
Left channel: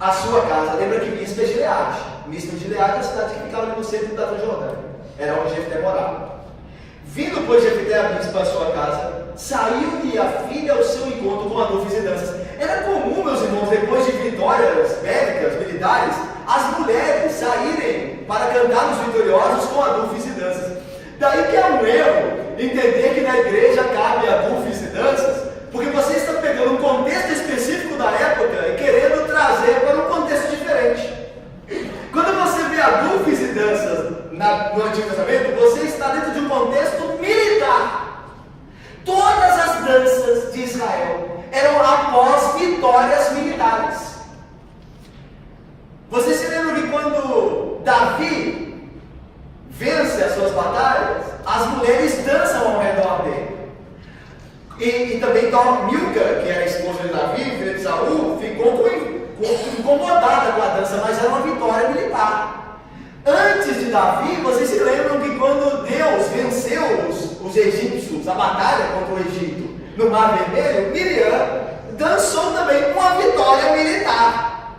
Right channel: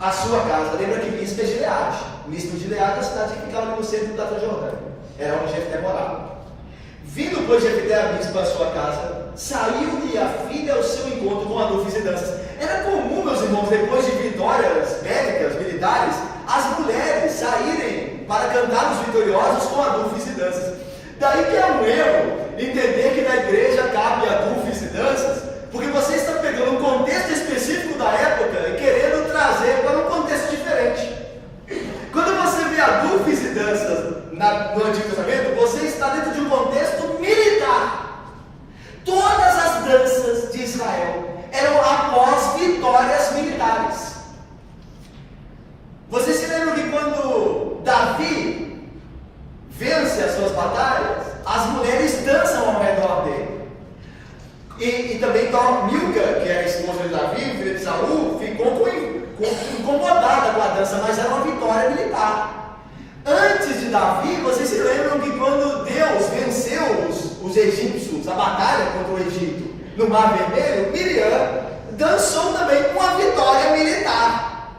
a sua casa. Lembra que Mispa é Gileade. Mispa de Gileade é a cidade que ficava no centro da Transjordânia. Era onde Jefité morava. Vindo, pois, Jefité a Mispa, a sua casa, saiu-lhe a filha ao seu encontro com adufes e danças. Era comum, meus irmãos, depois de vitórias bélicas, militares, as mulheres saírem para cantar os vitoriosos com adufes e danças. Daí que é um erro entender que na igreja cabe adufes e danças, porque você está pegando um contexto específico da época e querendo trazer para um contexto diferente. Quando você vê adufes e danças no Antigo Testamento, você está dentro de um contexto militar. danças de Israel eram após vitórias militares. Você se lembra que quando Davi vence as suas batalhas, as mulheres dançam ao redor dele. E também Milca, que era a esposa de Davi, filha de Saul, ficou incomodada com a dança, mas era uma vitória militar. Antes de Davi, vocês se lembram que quando Deus venceu os egípcios, a batalha contra o Egito, no Mar Vermelho, Miriam dançou também uma vitória militar.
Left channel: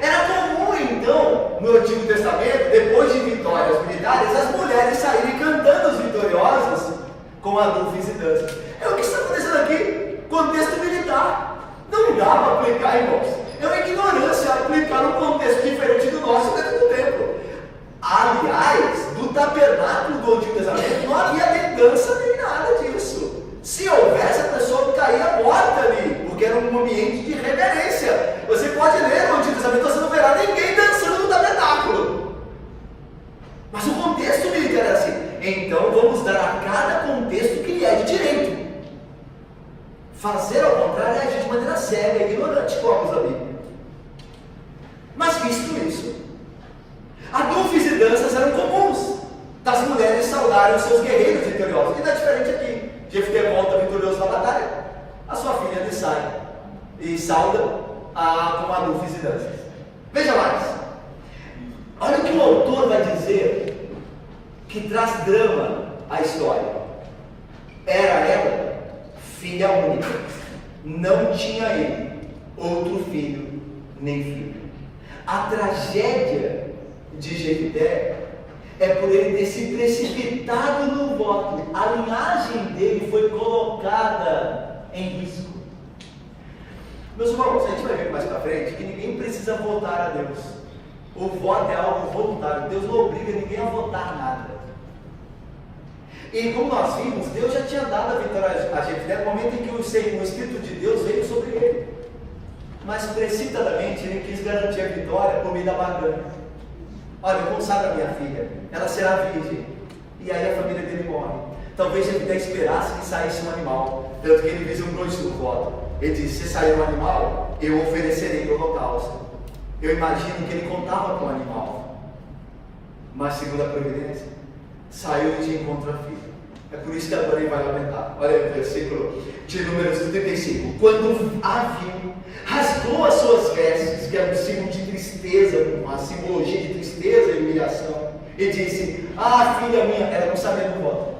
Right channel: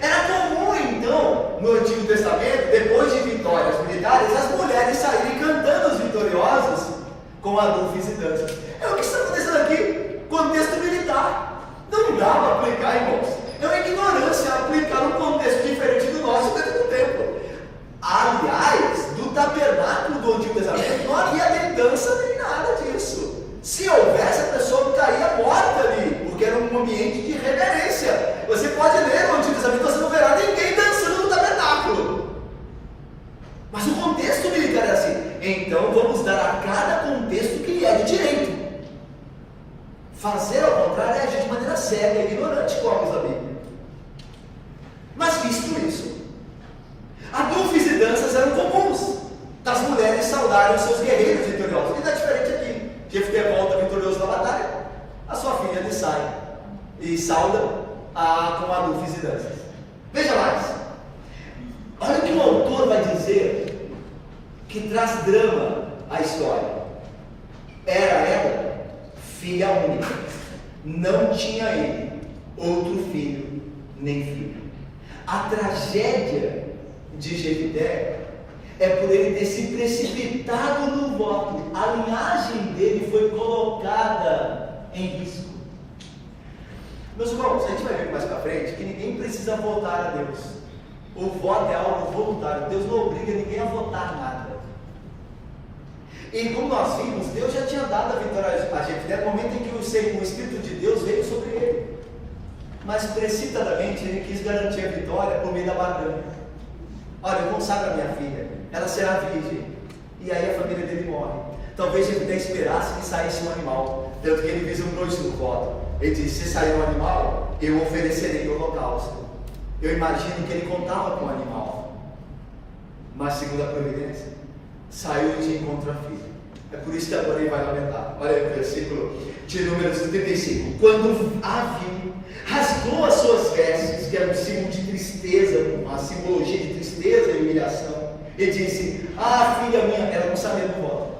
Era comum, então, no Antigo Testamento, depois de vitórias militares, as mulheres saírem cantando os vitoriosos com adufes e danças. É o que está acontecendo aqui, contexto militar. Não dá para aplicar, irmãos. É uma ignorância aplicar um contexto diferente do nosso dentro do templo. Aliás, do tabernáculo do Antigo Testamento não havia nem dança nem nada disso. Se houvesse, a pessoa ficaria morta ali, porque era um ambiente de reverência. Você pode ler no Antigo Testamento, você não verá ninguém dançando no tabernáculo. Mas o contexto militar era assim. Então vamos dar a cada contexto que lhe é de direito. Fazer ao contrário é agir de maneira cega e ignorante, como a Bíblia. Mas visto isso, adufes e danças eram comuns das mulheres saudarem os seus guerreiros vitoriosos. E não é diferente aqui. Jefté volta vitorioso na batalha, a sua filha lhe sai e sauda com adufes e danças. Veja mais. Olha o que o autor vai dizer que traz drama à história. Era ela filha única, não tinha ele outro filho nem filho. A tragédia de Jefté é por ele ter se precipitado no voto. A linhagem dele foi colocada em risco. Meus irmãos, a gente vai ver mais para frente que ninguém precisa votar a Deus. O voto é algo voluntário. Deus não obriga ninguém a votar nada. E como nós vimos, Deus já tinha dado a vitória a Jefté no momento em que o Espírito de Deus veio sobre ele. Mas precipitadamente ele quis garantir a vitória por meio da barganha. Olha, eu consagro a minha filha, ela será virgem. E aí a família dele morre. Talvez Jefté esperasse que saísse um animal. Tanto que ele vislumbrou isso no voto. Ele disse: se sair um animal, eu oferecerei o holocausto. Eu imagino que ele contava com o animal. Mas segundo a providência, saiu de encontro à filha. É por isso que agora ele vai lamentar. Olha o versículo de Números 35. Quando a viu, rasgou as suas vestes, que é um símbolo de tristeza, uma simbologia de tristeza e humilhação, e disse: ah, filha minha, ela não sabia do voto.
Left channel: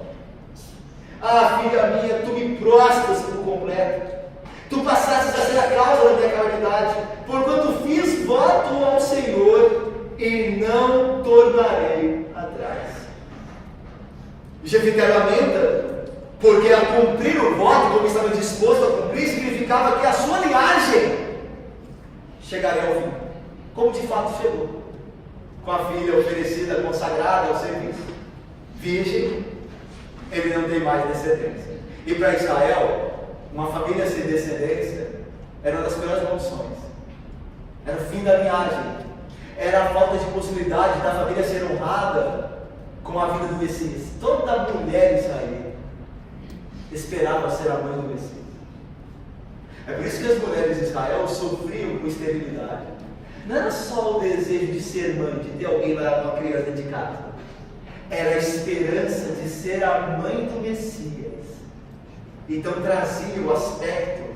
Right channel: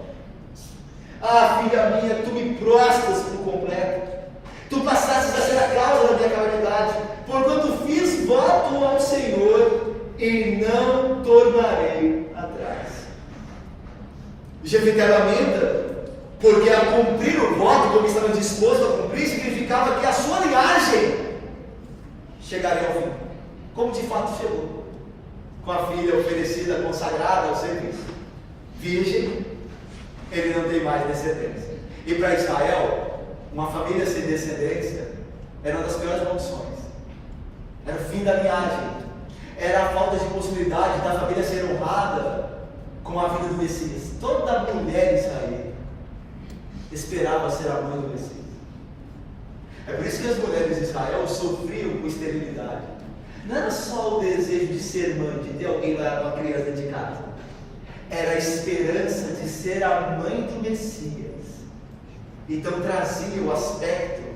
Ah, filha minha, tu me prostras por completo. Tu passaste a ser a causa da minha calamidade, porquanto fiz voto ao Senhor e não tornarei atrás. Jefté lamenta, porque a cumprir o voto, como estava disposto a cumprir, significava que a sua linhagem chegaria ao fim, como de fato chegou, com a filha oferecida, consagrada ao serviço, virgem, ele não tem mais descendência. E para Israel, uma família sem descendência era uma das piores maldições. Era o fim da linhagem, era a falta de possibilidade da família ser honrada com a vida do Messias. Toda mulher israelita esperava ser a mãe do Messias. É por isso que as mulheres de Israel sofriam com esterilidade. Não era só o desejo de ser mãe, de ter alguém lá, uma criança de casa. Era a esperança de ser a mãe do Messias. Então trazia o aspecto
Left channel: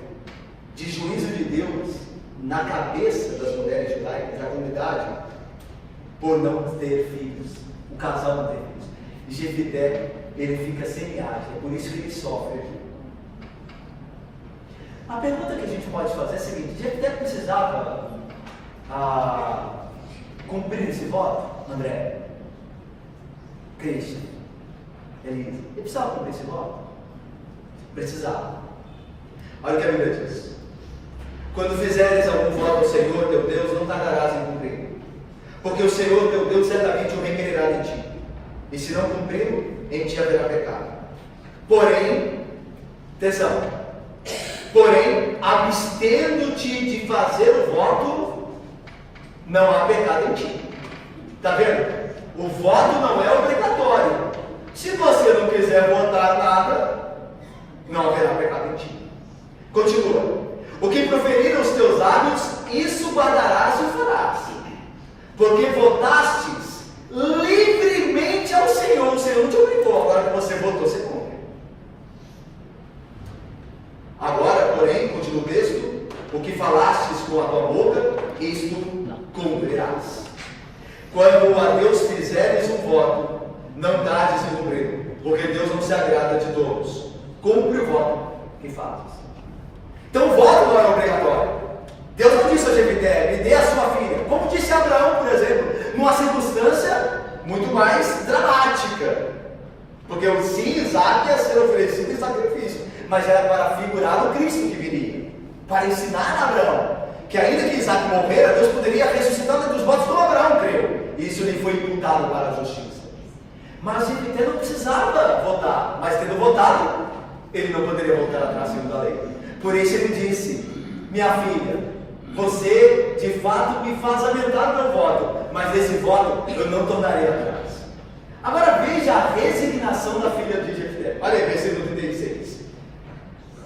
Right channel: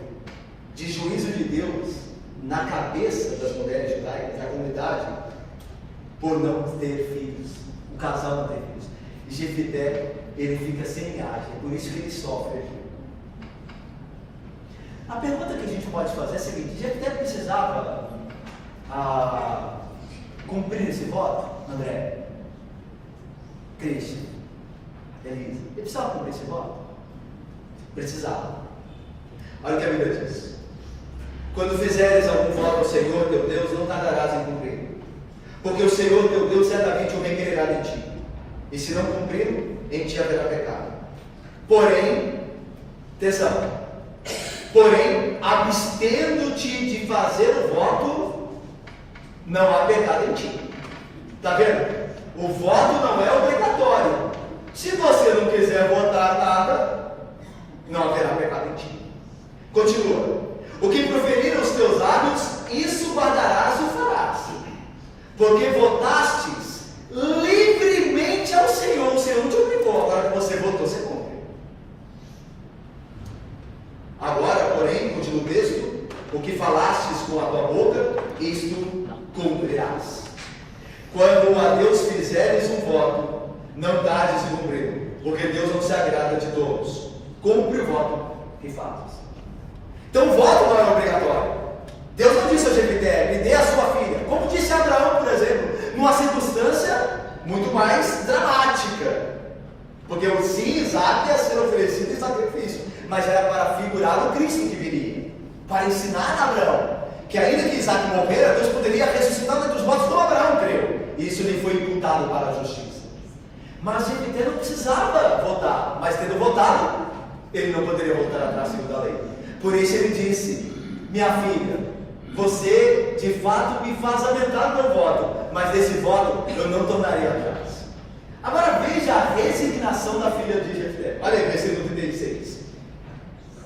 de juízo de Deus na cabeça das mulheres judaicas, da comunidade, por não ter filhos. O casal não tem filhos. E Jefté, ele fica sem linhagem, é por isso que ele sofre aqui. A pergunta que a gente pode fazer é a seguinte: Jefté precisava cumprir esse voto? André, Cristian, Elisa, ele precisava cumprir esse voto? Precisava. Olha o que a Bíblia diz: quando fizeres algum voto ao Senhor teu Deus, não tardarás em cumprir, porque o Senhor teu Deus certamente o requererá de ti, e se não cumprir, em ti haverá pecado. Porém, atenção, porém, abstendo-te de fazer o voto, não há pecado em ti. Está vendo? O voto não é obrigatório. Se você não quiser votar nada, não haverá pecado em ti. Continua. O que proferiram os teus lábios, isso guardarás e o farás. Porque votastes livremente ao Senhor. O Senhor não te obrigou, agora que você votou, você cumpre. Agora, porém, continua o texto, o que falastes com a tua boca, isto cumprirás. Quando a Deus fizeres um voto, não tardes em cumprir, porque Deus não se agrada de todos. Cumpre o voto que fazes. Então o voto não é obrigatório. Deus não disse a Jefité, me dê a sua filha. Como disse a Abraão, por exemplo, numa circunstância muito mais dramática. Porque o sim, Isaac ia ser oferecido em sacrifício, mas era para figurar o Cristo que viria, para ensinar a Abraão que ainda que Isaac morrera, Deus poderia ressuscitar dentre os mortos como Abraão creu. E isso lhe foi imputado para a justiça. Mas Jefité não precisava votar, mas tendo votado, ele não poderia voltar atrás segundo a lei. Por isso ele disse, minha filha, você de fato me faz aumentar o meu voto, mas desse voto eu não tornarei atrás. Agora veja a resignação da filha de Jefté. Olha aí, versículo 36.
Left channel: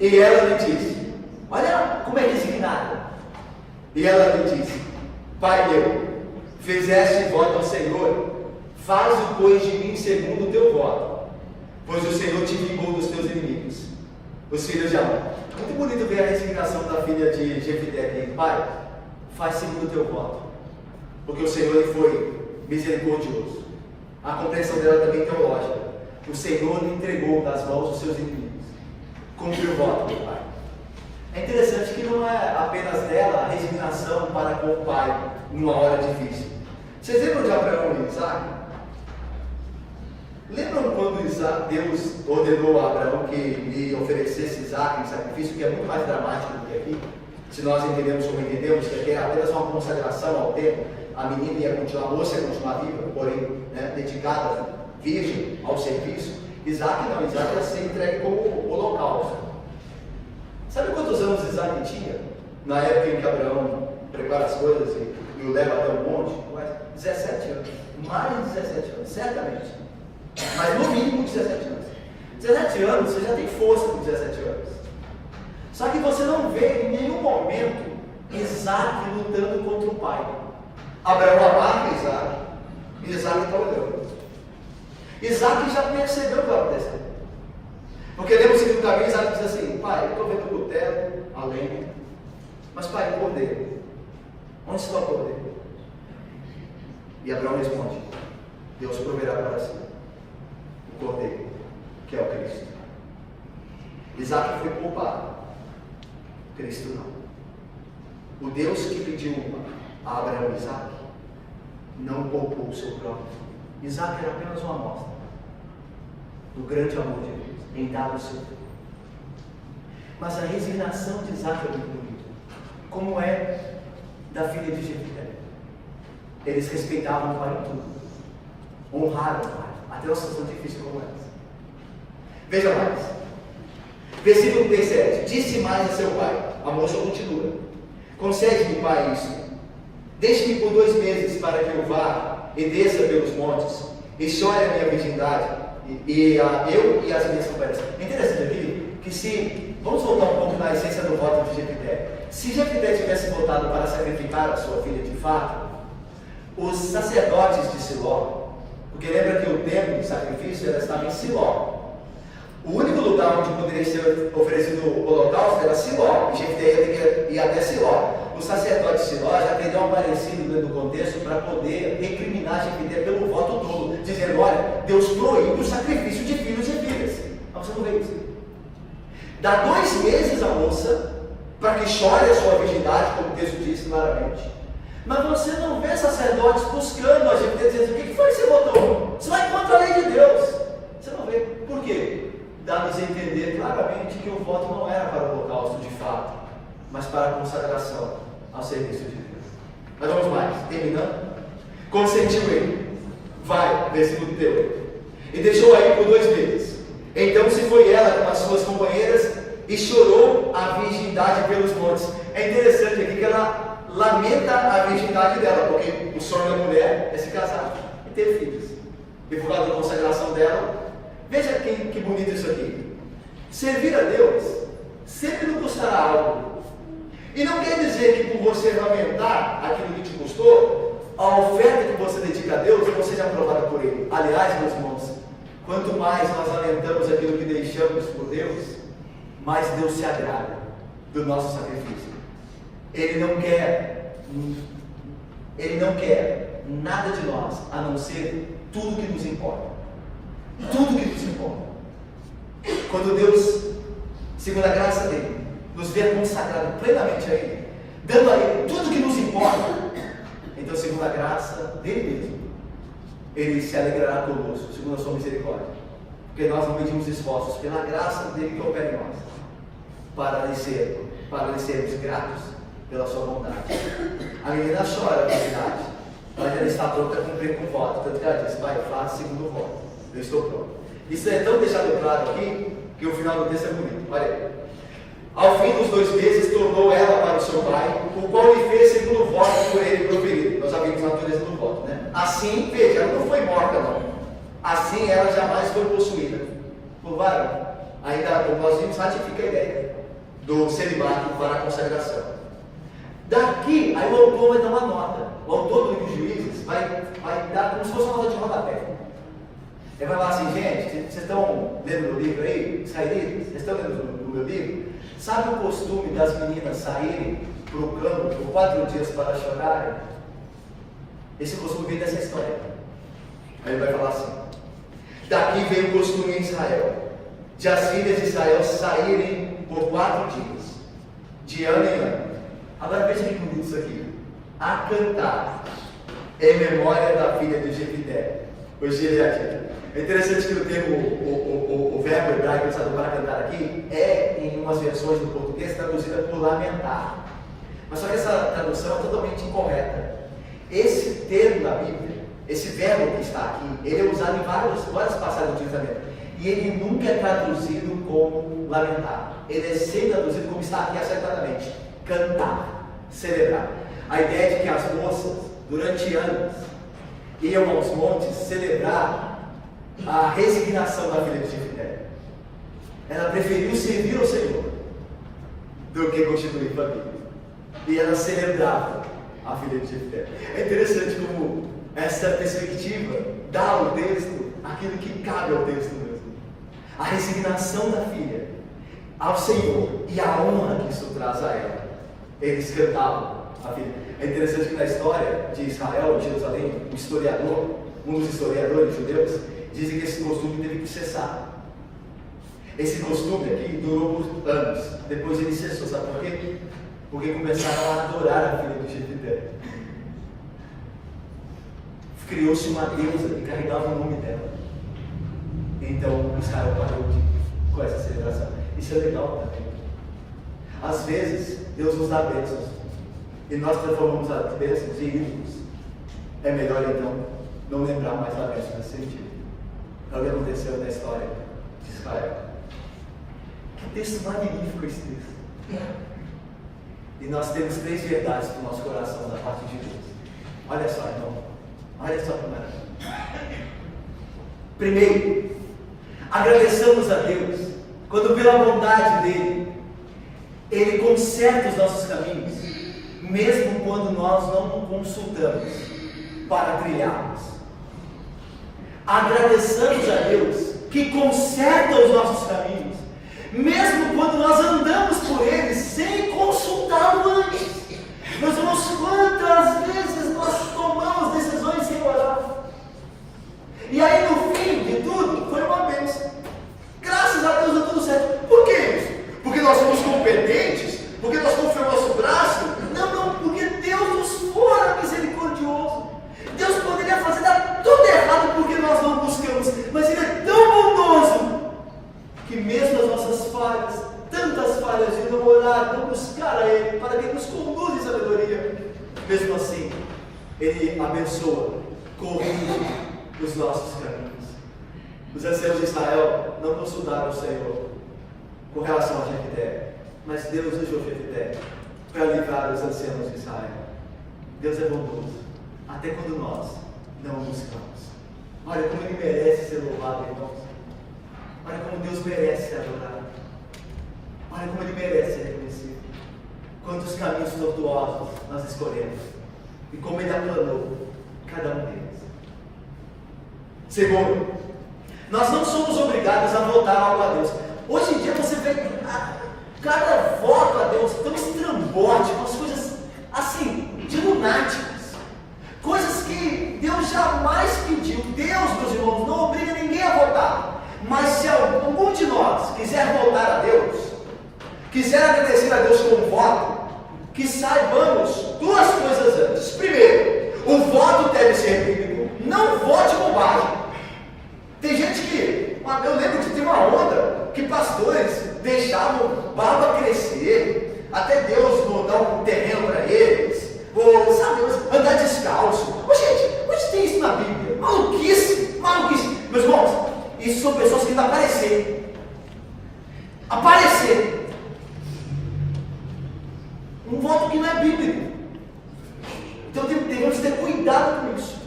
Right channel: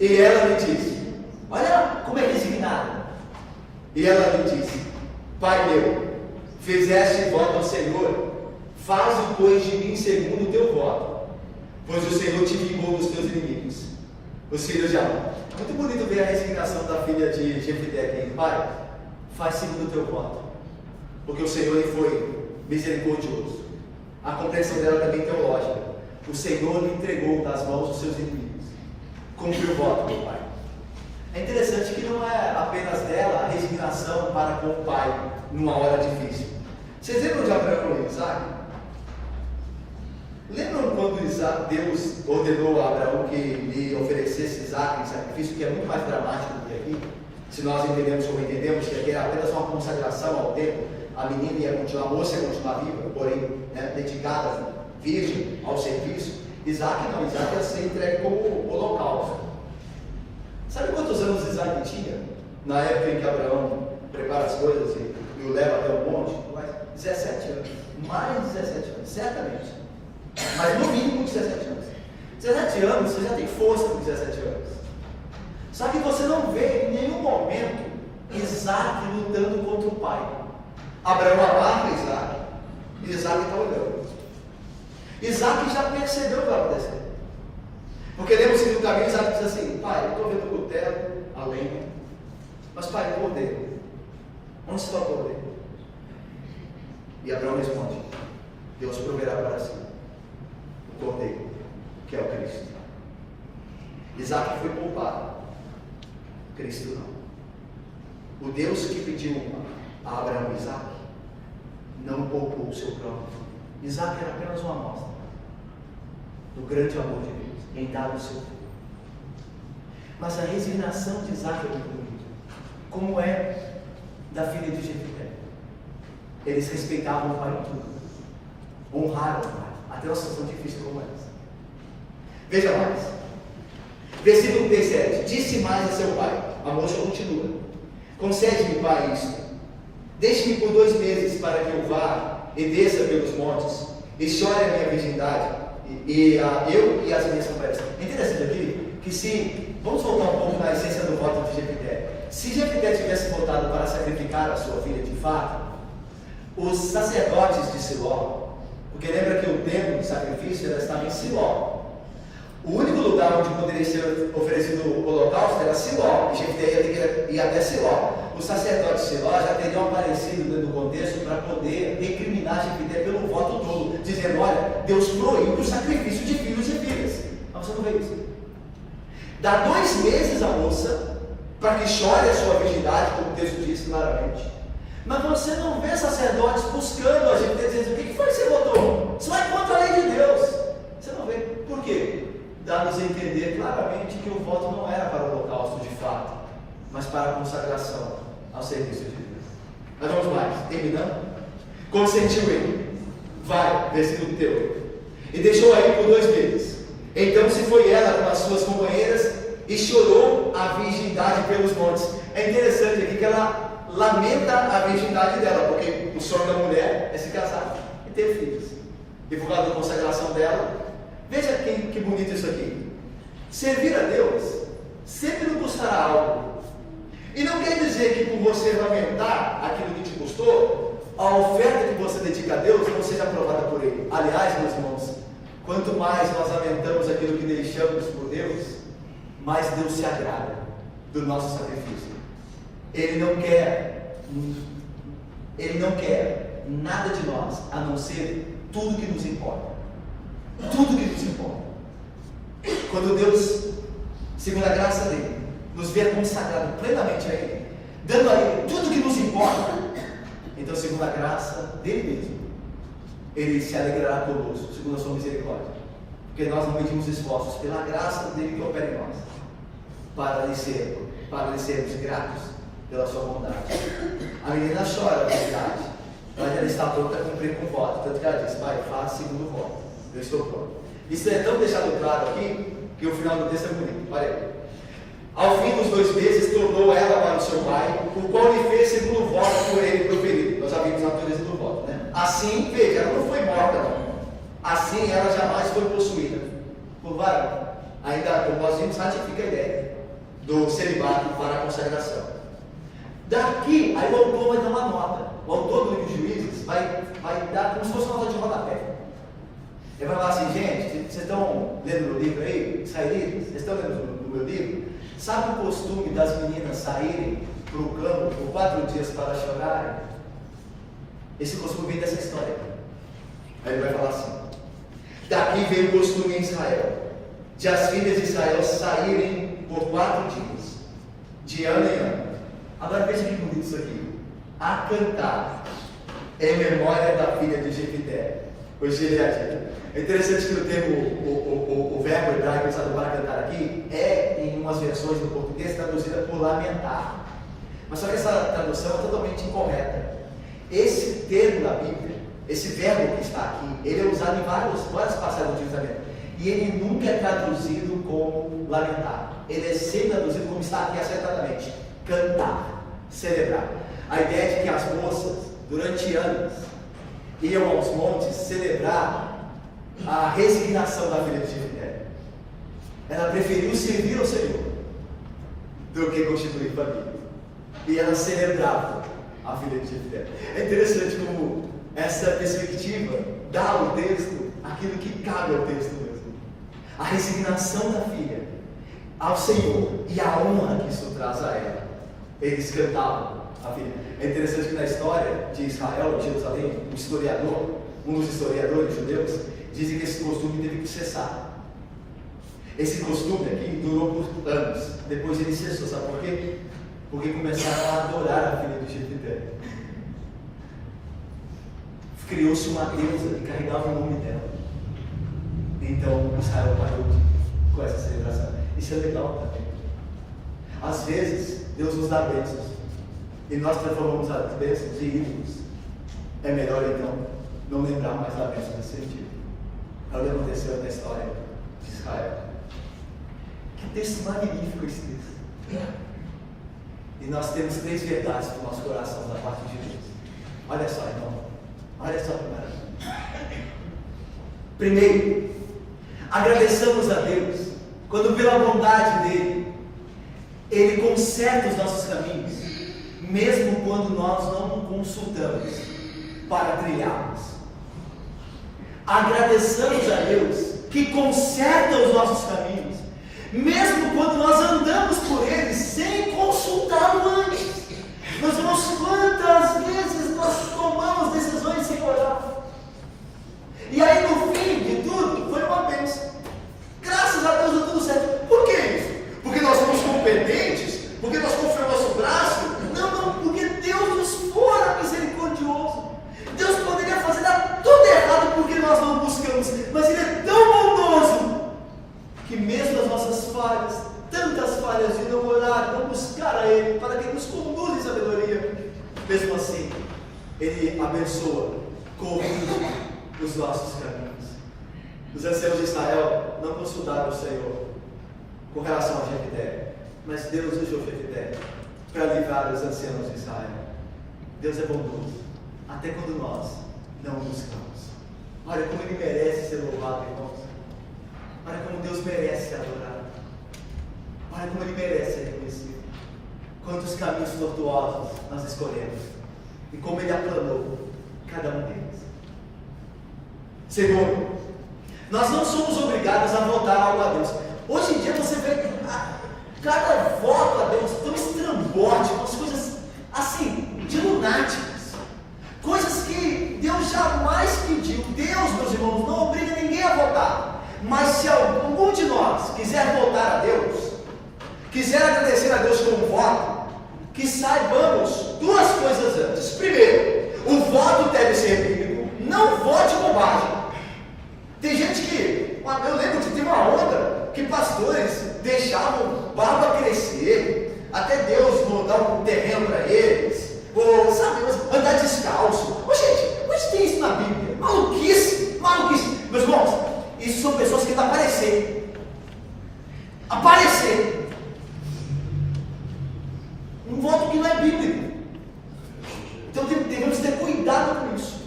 E ela lhe disse, olha como é resignada. E ela lhe disse, pai meu, fizeste voto ao Senhor, faze pois de mim segundo o teu voto, pois o Senhor te vingou dos teus inimigos, os filhos de Amon. Muito bonito ver a resignação da filha de Jefté aqui. Pai, faz segundo o teu voto, porque o Senhor ele foi misericordioso. A compreensão dela também é teológica. O Senhor lhe entregou nas mãos dos seus inimigos. Cumpriu o voto do pai. É interessante que não é apenas dela a resignação para com o pai numa hora difícil. Vocês lembram de Abraão e Isaac? Lembram quando Deus ordenou a Abraão que lhe oferecesse Isaac em sacrifício, que é muito mais dramático do que aqui? Se nós entendemos como entendemos, que era apenas uma consagração ao tempo, a menina ia continuar, a moça ia continuar viva, porém dedicada, virgem ao serviço. Isaac não, Isaac ia ser entregue como holocausto. Sabe quantos anos Isaac tinha? Na época em que Abraão prepara as coisas e o leva até o monte? 17 anos. Mais de 17 anos, certamente. Mas no mínimo 17 anos. 17 anos, você já tem força com 17 anos. Só que você não vê em nenhum momento Isaac lutando contra o pai. Abraão amarra Isaac, e Isaac está olhando. Isaac já percebeu o que vai acontecer. Porque lembra o segundo caminho, Isaac diz assim, pai, eu estou vendo o cutelo, a lenha, mas pai, o cordeiro, onde está o cordeiro? E Abraão responde, Deus proverá para si o cordeiro, que é o Cristo. Isaac foi poupado, Cristo não. O Deus que pediu a Abraão e Isaac não poupou o seu próprio filho. Isaac era apenas uma amostra do grande amor de Deus em dar o seu filho. Mas a resignação de Isaac é muito bonita, como é da filha de Jefté. Eles respeitavam o pai em tudo, honraram o pai, até uma situação difícil como essa. Veja mais, versículo 37. Disse mais a seu pai, a moça continua, concede-me, pai, isso, deixe-me por 2 meses para que eu vá e desça pelos montes e chore a minha virgindade eu e as minhas companheiras. É interessante aqui que se, vamos voltar um pouco na essência do voto de Jefté. Se Jefté tivesse votado para sacrificar a sua filha de fato, os sacerdotes de Siló, porque lembra que o templo de sacrifício estava em Siló, o único lugar onde poderia ser oferecido o holocausto era Siló, e Jefté ia até Siló. Os sacerdotes de Siló já teriam aparecido dentro do contexto para poder recriminar Jefté pelo voto dolo, dizendo, olha, Deus proíbe o sacrifício de filhos e filhas. Mas você não vê isso. Dá 2 meses à moça para que chore a sua virgindade, como o texto diz claramente. Mas você não vê sacerdotes buscando a Jefté, dizendo, o que foi que você votou? Isso vai contra a lei de Deus. Você não vê. Por quê? Dá-nos a entender claramente que o voto não era para o holocausto de fato, mas para a consagração ao serviço de Deus. Mas vamos mais, terminando. Consentiu ele. Vai, versículo 38. E deixou aí por 2 meses. Então se foi ela com as suas companheiras e chorou a virgindade pelos montes. É interessante aqui que ela lamenta a virgindade dela, porque o sonho da mulher é se casar e ter filhos. E por causa da consagração dela, veja que bonito isso aqui. Servir a Deus sempre nos custará algo. E não quer dizer que por você aumentar aquilo que te custou, a oferta que você dedica a Deus não seja aprovada por Ele. Aliás, meus irmãos, quanto mais nós aumentamos aquilo que deixamos por Deus, mais Deus se agrada do nosso sacrifício. Ele não quer nada de nós, a não ser tudo que nos importa. Tudo que nos importa. Quando Deus, segundo a graça dele, nos vê consagrado plenamente a Ele, dando a Ele tudo que nos importa, então, segundo a graça dele mesmo, Ele se alegrará conosco, segundo a sua misericórdia, porque nós não medimos esforços, pela graça dele que opera em nós, para lhe sermos gratos pela sua bondade. A menina chora, na verdade, mas ela está pronta a cumprir com o voto, tanto que ela disse: Pai, faça segundo o voto, eu estou pronto. Isso é tão deixado claro aqui, que o final do texto é bonito. Olha aí. Ao fim dos 2 meses, tornou ela para o seu pai, o qual lhe fez segundo o voto por ele proferido. Nós já vimos a natureza do voto, né? Assim, veja, ela não foi morta, não. Assim, ela jamais foi possuída por varão. Ainda, o Mozinho ratifica a ideia do celibato para a consagração. Daqui, aí o autor vai dar uma nota. O autor do livro de Juízes vai dar como se fosse uma nota de rodapé. Ele vai falar assim: gente, vocês estão lendo meu livro aí, israelitas? Vocês estão lendo o meu livro? Sabe o costume das meninas saírem para o campo por 4 dias para chorarem? Esse costume vem dessa história. Aí ele vai falar assim: daqui vem o costume em Israel, de as filhas de Israel saírem por 4 dias, de ano em ano. Agora veja que bonito isso aqui: a cantar em memória da filha de Jefité, o Gileadita. É interessante que o termo, o verbo hebraico usado para cantar aqui, em umas versões do português traduzida por lamentar. Mas só que essa tradução é totalmente incorreta. Esse termo na Bíblia, esse verbo que está aqui, ele é usado em várias passagens do Testamento. E ele nunca é traduzido como lamentar. Ele é sempre traduzido como está aqui acertadamente: cantar, celebrar. A ideia é de que as moças, durante anos, iam aos montes celebrar a resignação da filha de Jefité. Ela preferiu servir ao Senhor do que constituir família. E ela celebrava a filha de Jefité. É interessante como essa perspectiva dá ao texto aquilo que cabe ao texto mesmo. A resignação da filha ao Senhor e a honra que isso traz a ela. Eles cantavam a filha. É interessante que na história de Israel, de Jerusalém, um dos historiadores judeus, dizem que esse costume teve que cessar. Esse costume aqui durou por anos. Depois ele cessou. Sabe por quê? Porque começaram a adorar a filha do Jefité. Criou-se uma deusa que carregava o nome dela. Então Israel parou com essa celebração. Isso é legal também. Às vezes Deus nos dá bênçãos e nós transformamos as bênçãos em ídolos. É melhor então não lembrar mais da bênção nesse sentido. Olha o que aconteceu na história de Israel. Que texto magnífico esse texto. E nós temos 3 verdades do nosso coração da parte de Deus. Olha só, irmão. Olha só que maravilha. Primeiro, agradeçamos a Deus quando, pela bondade dele, Ele conserta os nossos caminhos, mesmo quando nós não o consultamos para trilharmos. Agradeçamos a Deus que conserta os nossos caminhos, mesmo quando nós andamos por eles sem consultá-lo antes. Meus irmãos, quantas vezes nós tomamos decisões sem orar? E aí no fim de tudo, foi uma bênção. Graças a Deus deu tudo certo. Por que isso? Porque nós somos competentes? Porque nós confiamos no nosso braço? Não, porque Deus nos fora misericordioso. Deus poderia fazer dar tudo errado porque nós não buscamos, mas Ele é tão bondoso que mesmo as nossas falhas, tantas falhas de não orar, não buscar a Ele para que nos conduza em sabedoria, mesmo assim Ele abençoa, corrige os nossos caminhos. Os anciãos de Israel não consultaram o Senhor com relação a Jefité, mas Deus usou Jefité para livrar os anciãos de Israel. Deus é bondoso, até quando nós não o buscamos. Olha como Ele merece ser louvado, irmãos. Olha como Deus merece ser adorado. Olha como Ele merece ser reconhecido. Quantos caminhos tortuosos nós escolhemos. E como Ele aplanou cada um deles. Segundo, nós não somos obrigados a votar algo a Deus. Hoje em dia você vê cada voto a Deus tão estrambótico, as coisas assim, de lunáticas. Coisas que Deus jamais pediu. Deus, meus irmãos, não obriga ninguém a votar. Mas se algum de nós quiser votar a Deus, quiser agradecer a Deus com um voto, que saibamos duas coisas antes. Primeiro, o voto deve ser bíblico. Não vote bobagem. Tem gente que, eu lembro que tem uma onda que pastores deixavam barba crescer, até Deus dar um terreno para eles, ou sabe, andar descalço. Ô, gente, onde tem isso na Bíblia? Maluquice, maluquice. Meus irmãos, isso são pessoas que querem aparecer. Aparecer. Um voto que não é bíblico. Então devemos ter cuidado com isso.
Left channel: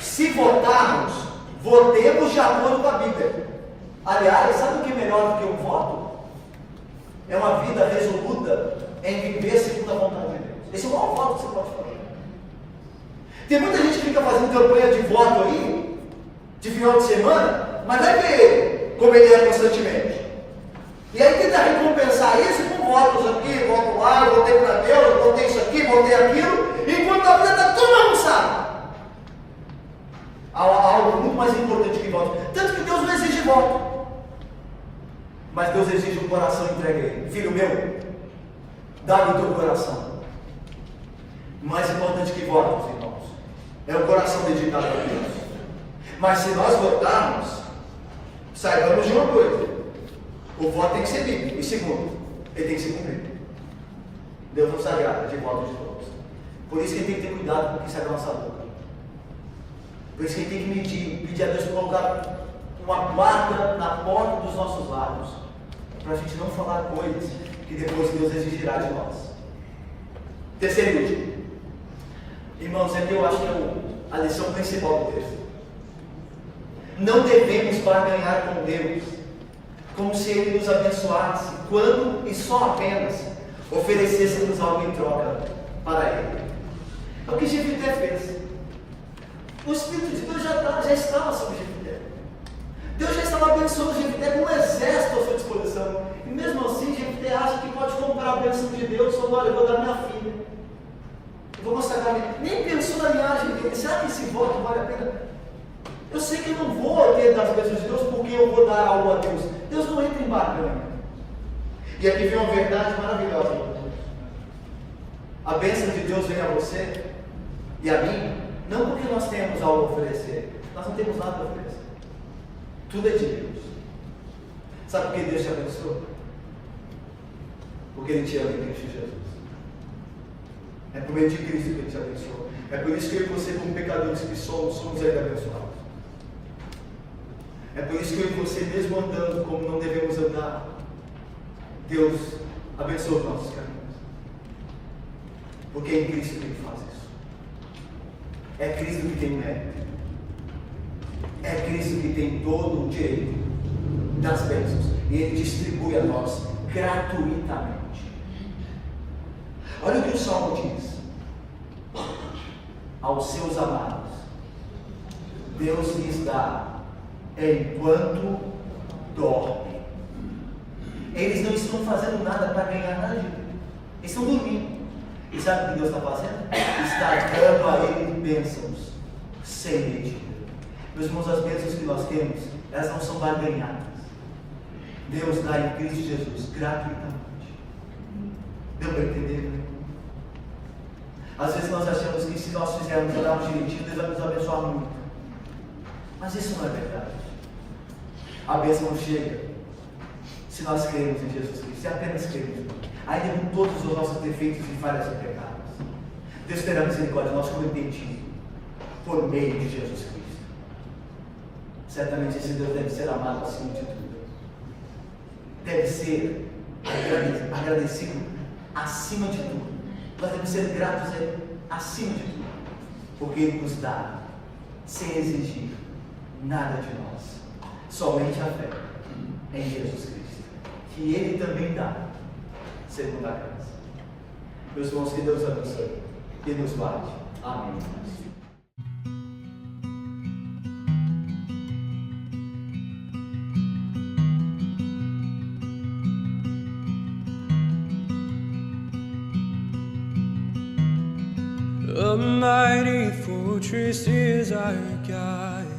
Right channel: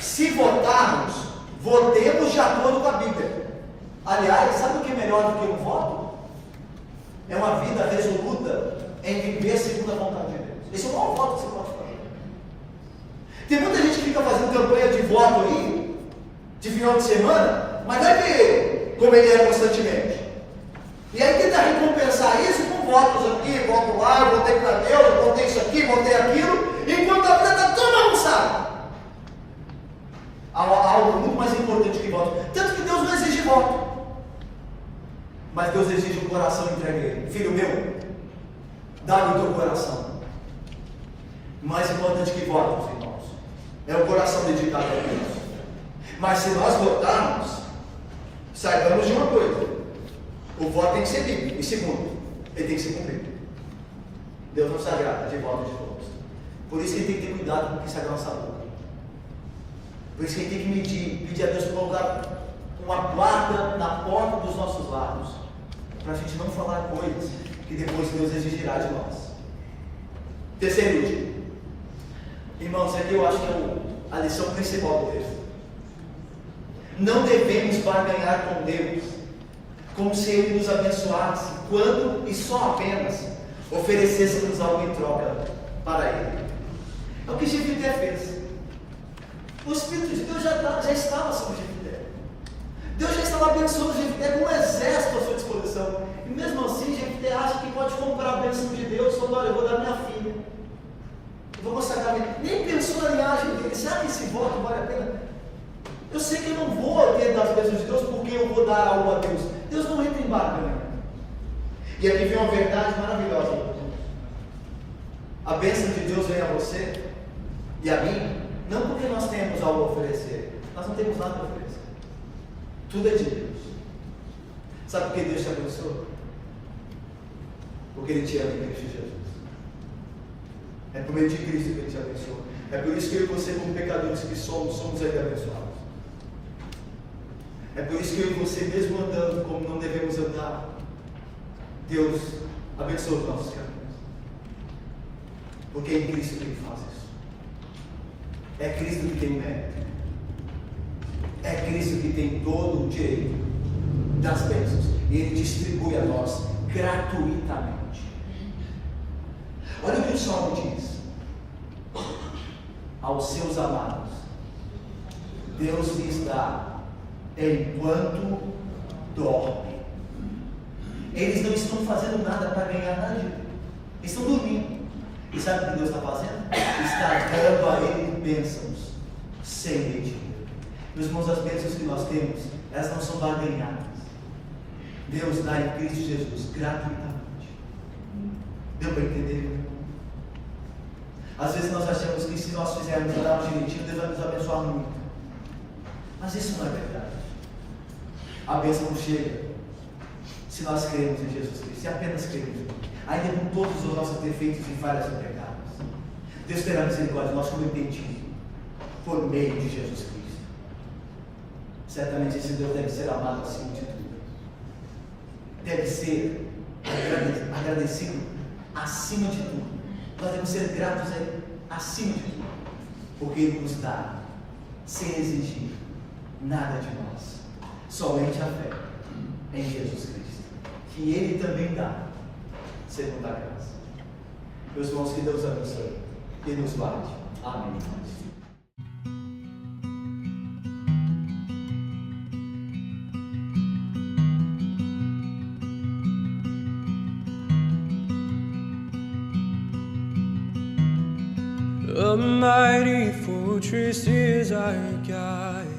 Se votarmos, votemos de acordo com a Bíblia. Aliás, sabe o que é melhor do que um voto? É uma vida resoluta em viver segundo a vontade de Deus. Esse é o maior voto que você pode fazer. Tem muita gente que fica fazendo campanha de voto aí, de final de semana, mas vai ver como ele é constantemente. E aí tenta recompensar isso com votos aqui, voto lá, votei para Deus, votei isso aqui, votei aquilo, enquanto a vida está tudo bagunçada. Há algo muito mais importante que voto. Tanto que Deus não exige voto. Mas Deus exige o coração entregue a Ele. Filho meu, dá-me o teu coração. Mais importante que votos, irmãos, é o coração dedicado a Deus. Mas se nós votarmos, saibamos de uma coisa: o voto tem que ser bíblico. E segundo, ele tem que ser cumprido. Deus não se agrada de voto de todos. Por isso que ele tem que ter cuidado com o que sai da nossa boca. Por isso que ele tem que pedir a Deus para colocar uma guarda na porta dos nossos lábios, para a gente não falar coisas que depois Deus exigirá de nós. Terceiro e último. Irmãos, aqui eu acho que é a lição principal do texto. Não devemos barganhar com Deus como se Ele nos abençoasse quando e só apenas oferecêssemos algo em troca para Ele. É o que Jefité fez. O Espírito de Deus já estava sobre Jefité. Deus já estava abençoando Jefité com um exército à sua disposição. E mesmo assim, Jefité acha que pode comprar a bênção de Deus. Falou: olha, eu vou dar minha filha. Eu vou consagrar minha. Nem pensou na linhagem dele. Será que esse voto vale a pena? Eu sei que eu não vou ter das bênçãos de Deus porque eu vou dar algo a Deus. Deus não entra em barganha. E aqui vem uma verdade maravilhosa, meu Deus. A bênção de Deus vem a você e a mim, não porque nós temos algo a oferecer. Nós não temos nada a oferecer. Tudo é de Deus. Sabe por que Deus te abençoa? Porque Ele te ama em Cristo Jesus. É por meio de Cristo que Ele te abençoa. É por isso que eu e você, como pecadores que somos ainda abençoados. É por isso que eu e você, mesmo andando como não devemos andar, Deus abençoa os nossos caminhos. Porque é em Cristo que Ele faz isso. É Cristo que tem mérito. É Cristo que tem todo o direito das bênçãos. E Ele distribui a nós gratuitamente. Olha o que o Salmo diz. Aos seus amados, Deus lhes dá enquanto dorme. Eles não estão fazendo nada para ganhar nada de Deus. Eles estão dormindo. E sabe o que Deus está fazendo? Está dando a Ele bênçãos sem medida. Meus irmãos, as bênçãos que nós temos, elas não são barganhadas. Deus dá em Cristo Jesus gratuitamente. Deu para entender? Né? Às vezes nós achamos que se nós fizermos orarmos direitinho, Deus vai nos abençoar muito. Mas isso não é verdade. A bênção não chega se nós cremos em Jesus Cristo, se apenas cremos, ainda com todos os nossos defeitos e falhas e pecados. Deus terá misericórdia de nós como impedido por meio de Jesus Cristo. Certamente esse Deus deve ser amado acima de tudo. Deve ser agradecido acima de tudo. Nós devemos ser gratos a Ele acima de tudo, porque Ele nos dá sem exigir nada de nós, somente a fé em Jesus Cristo, que Ele também dá segunda graça. Meus irmãos, que Deus abençoe e nos guarde. Amém. A mighty fortress is our God.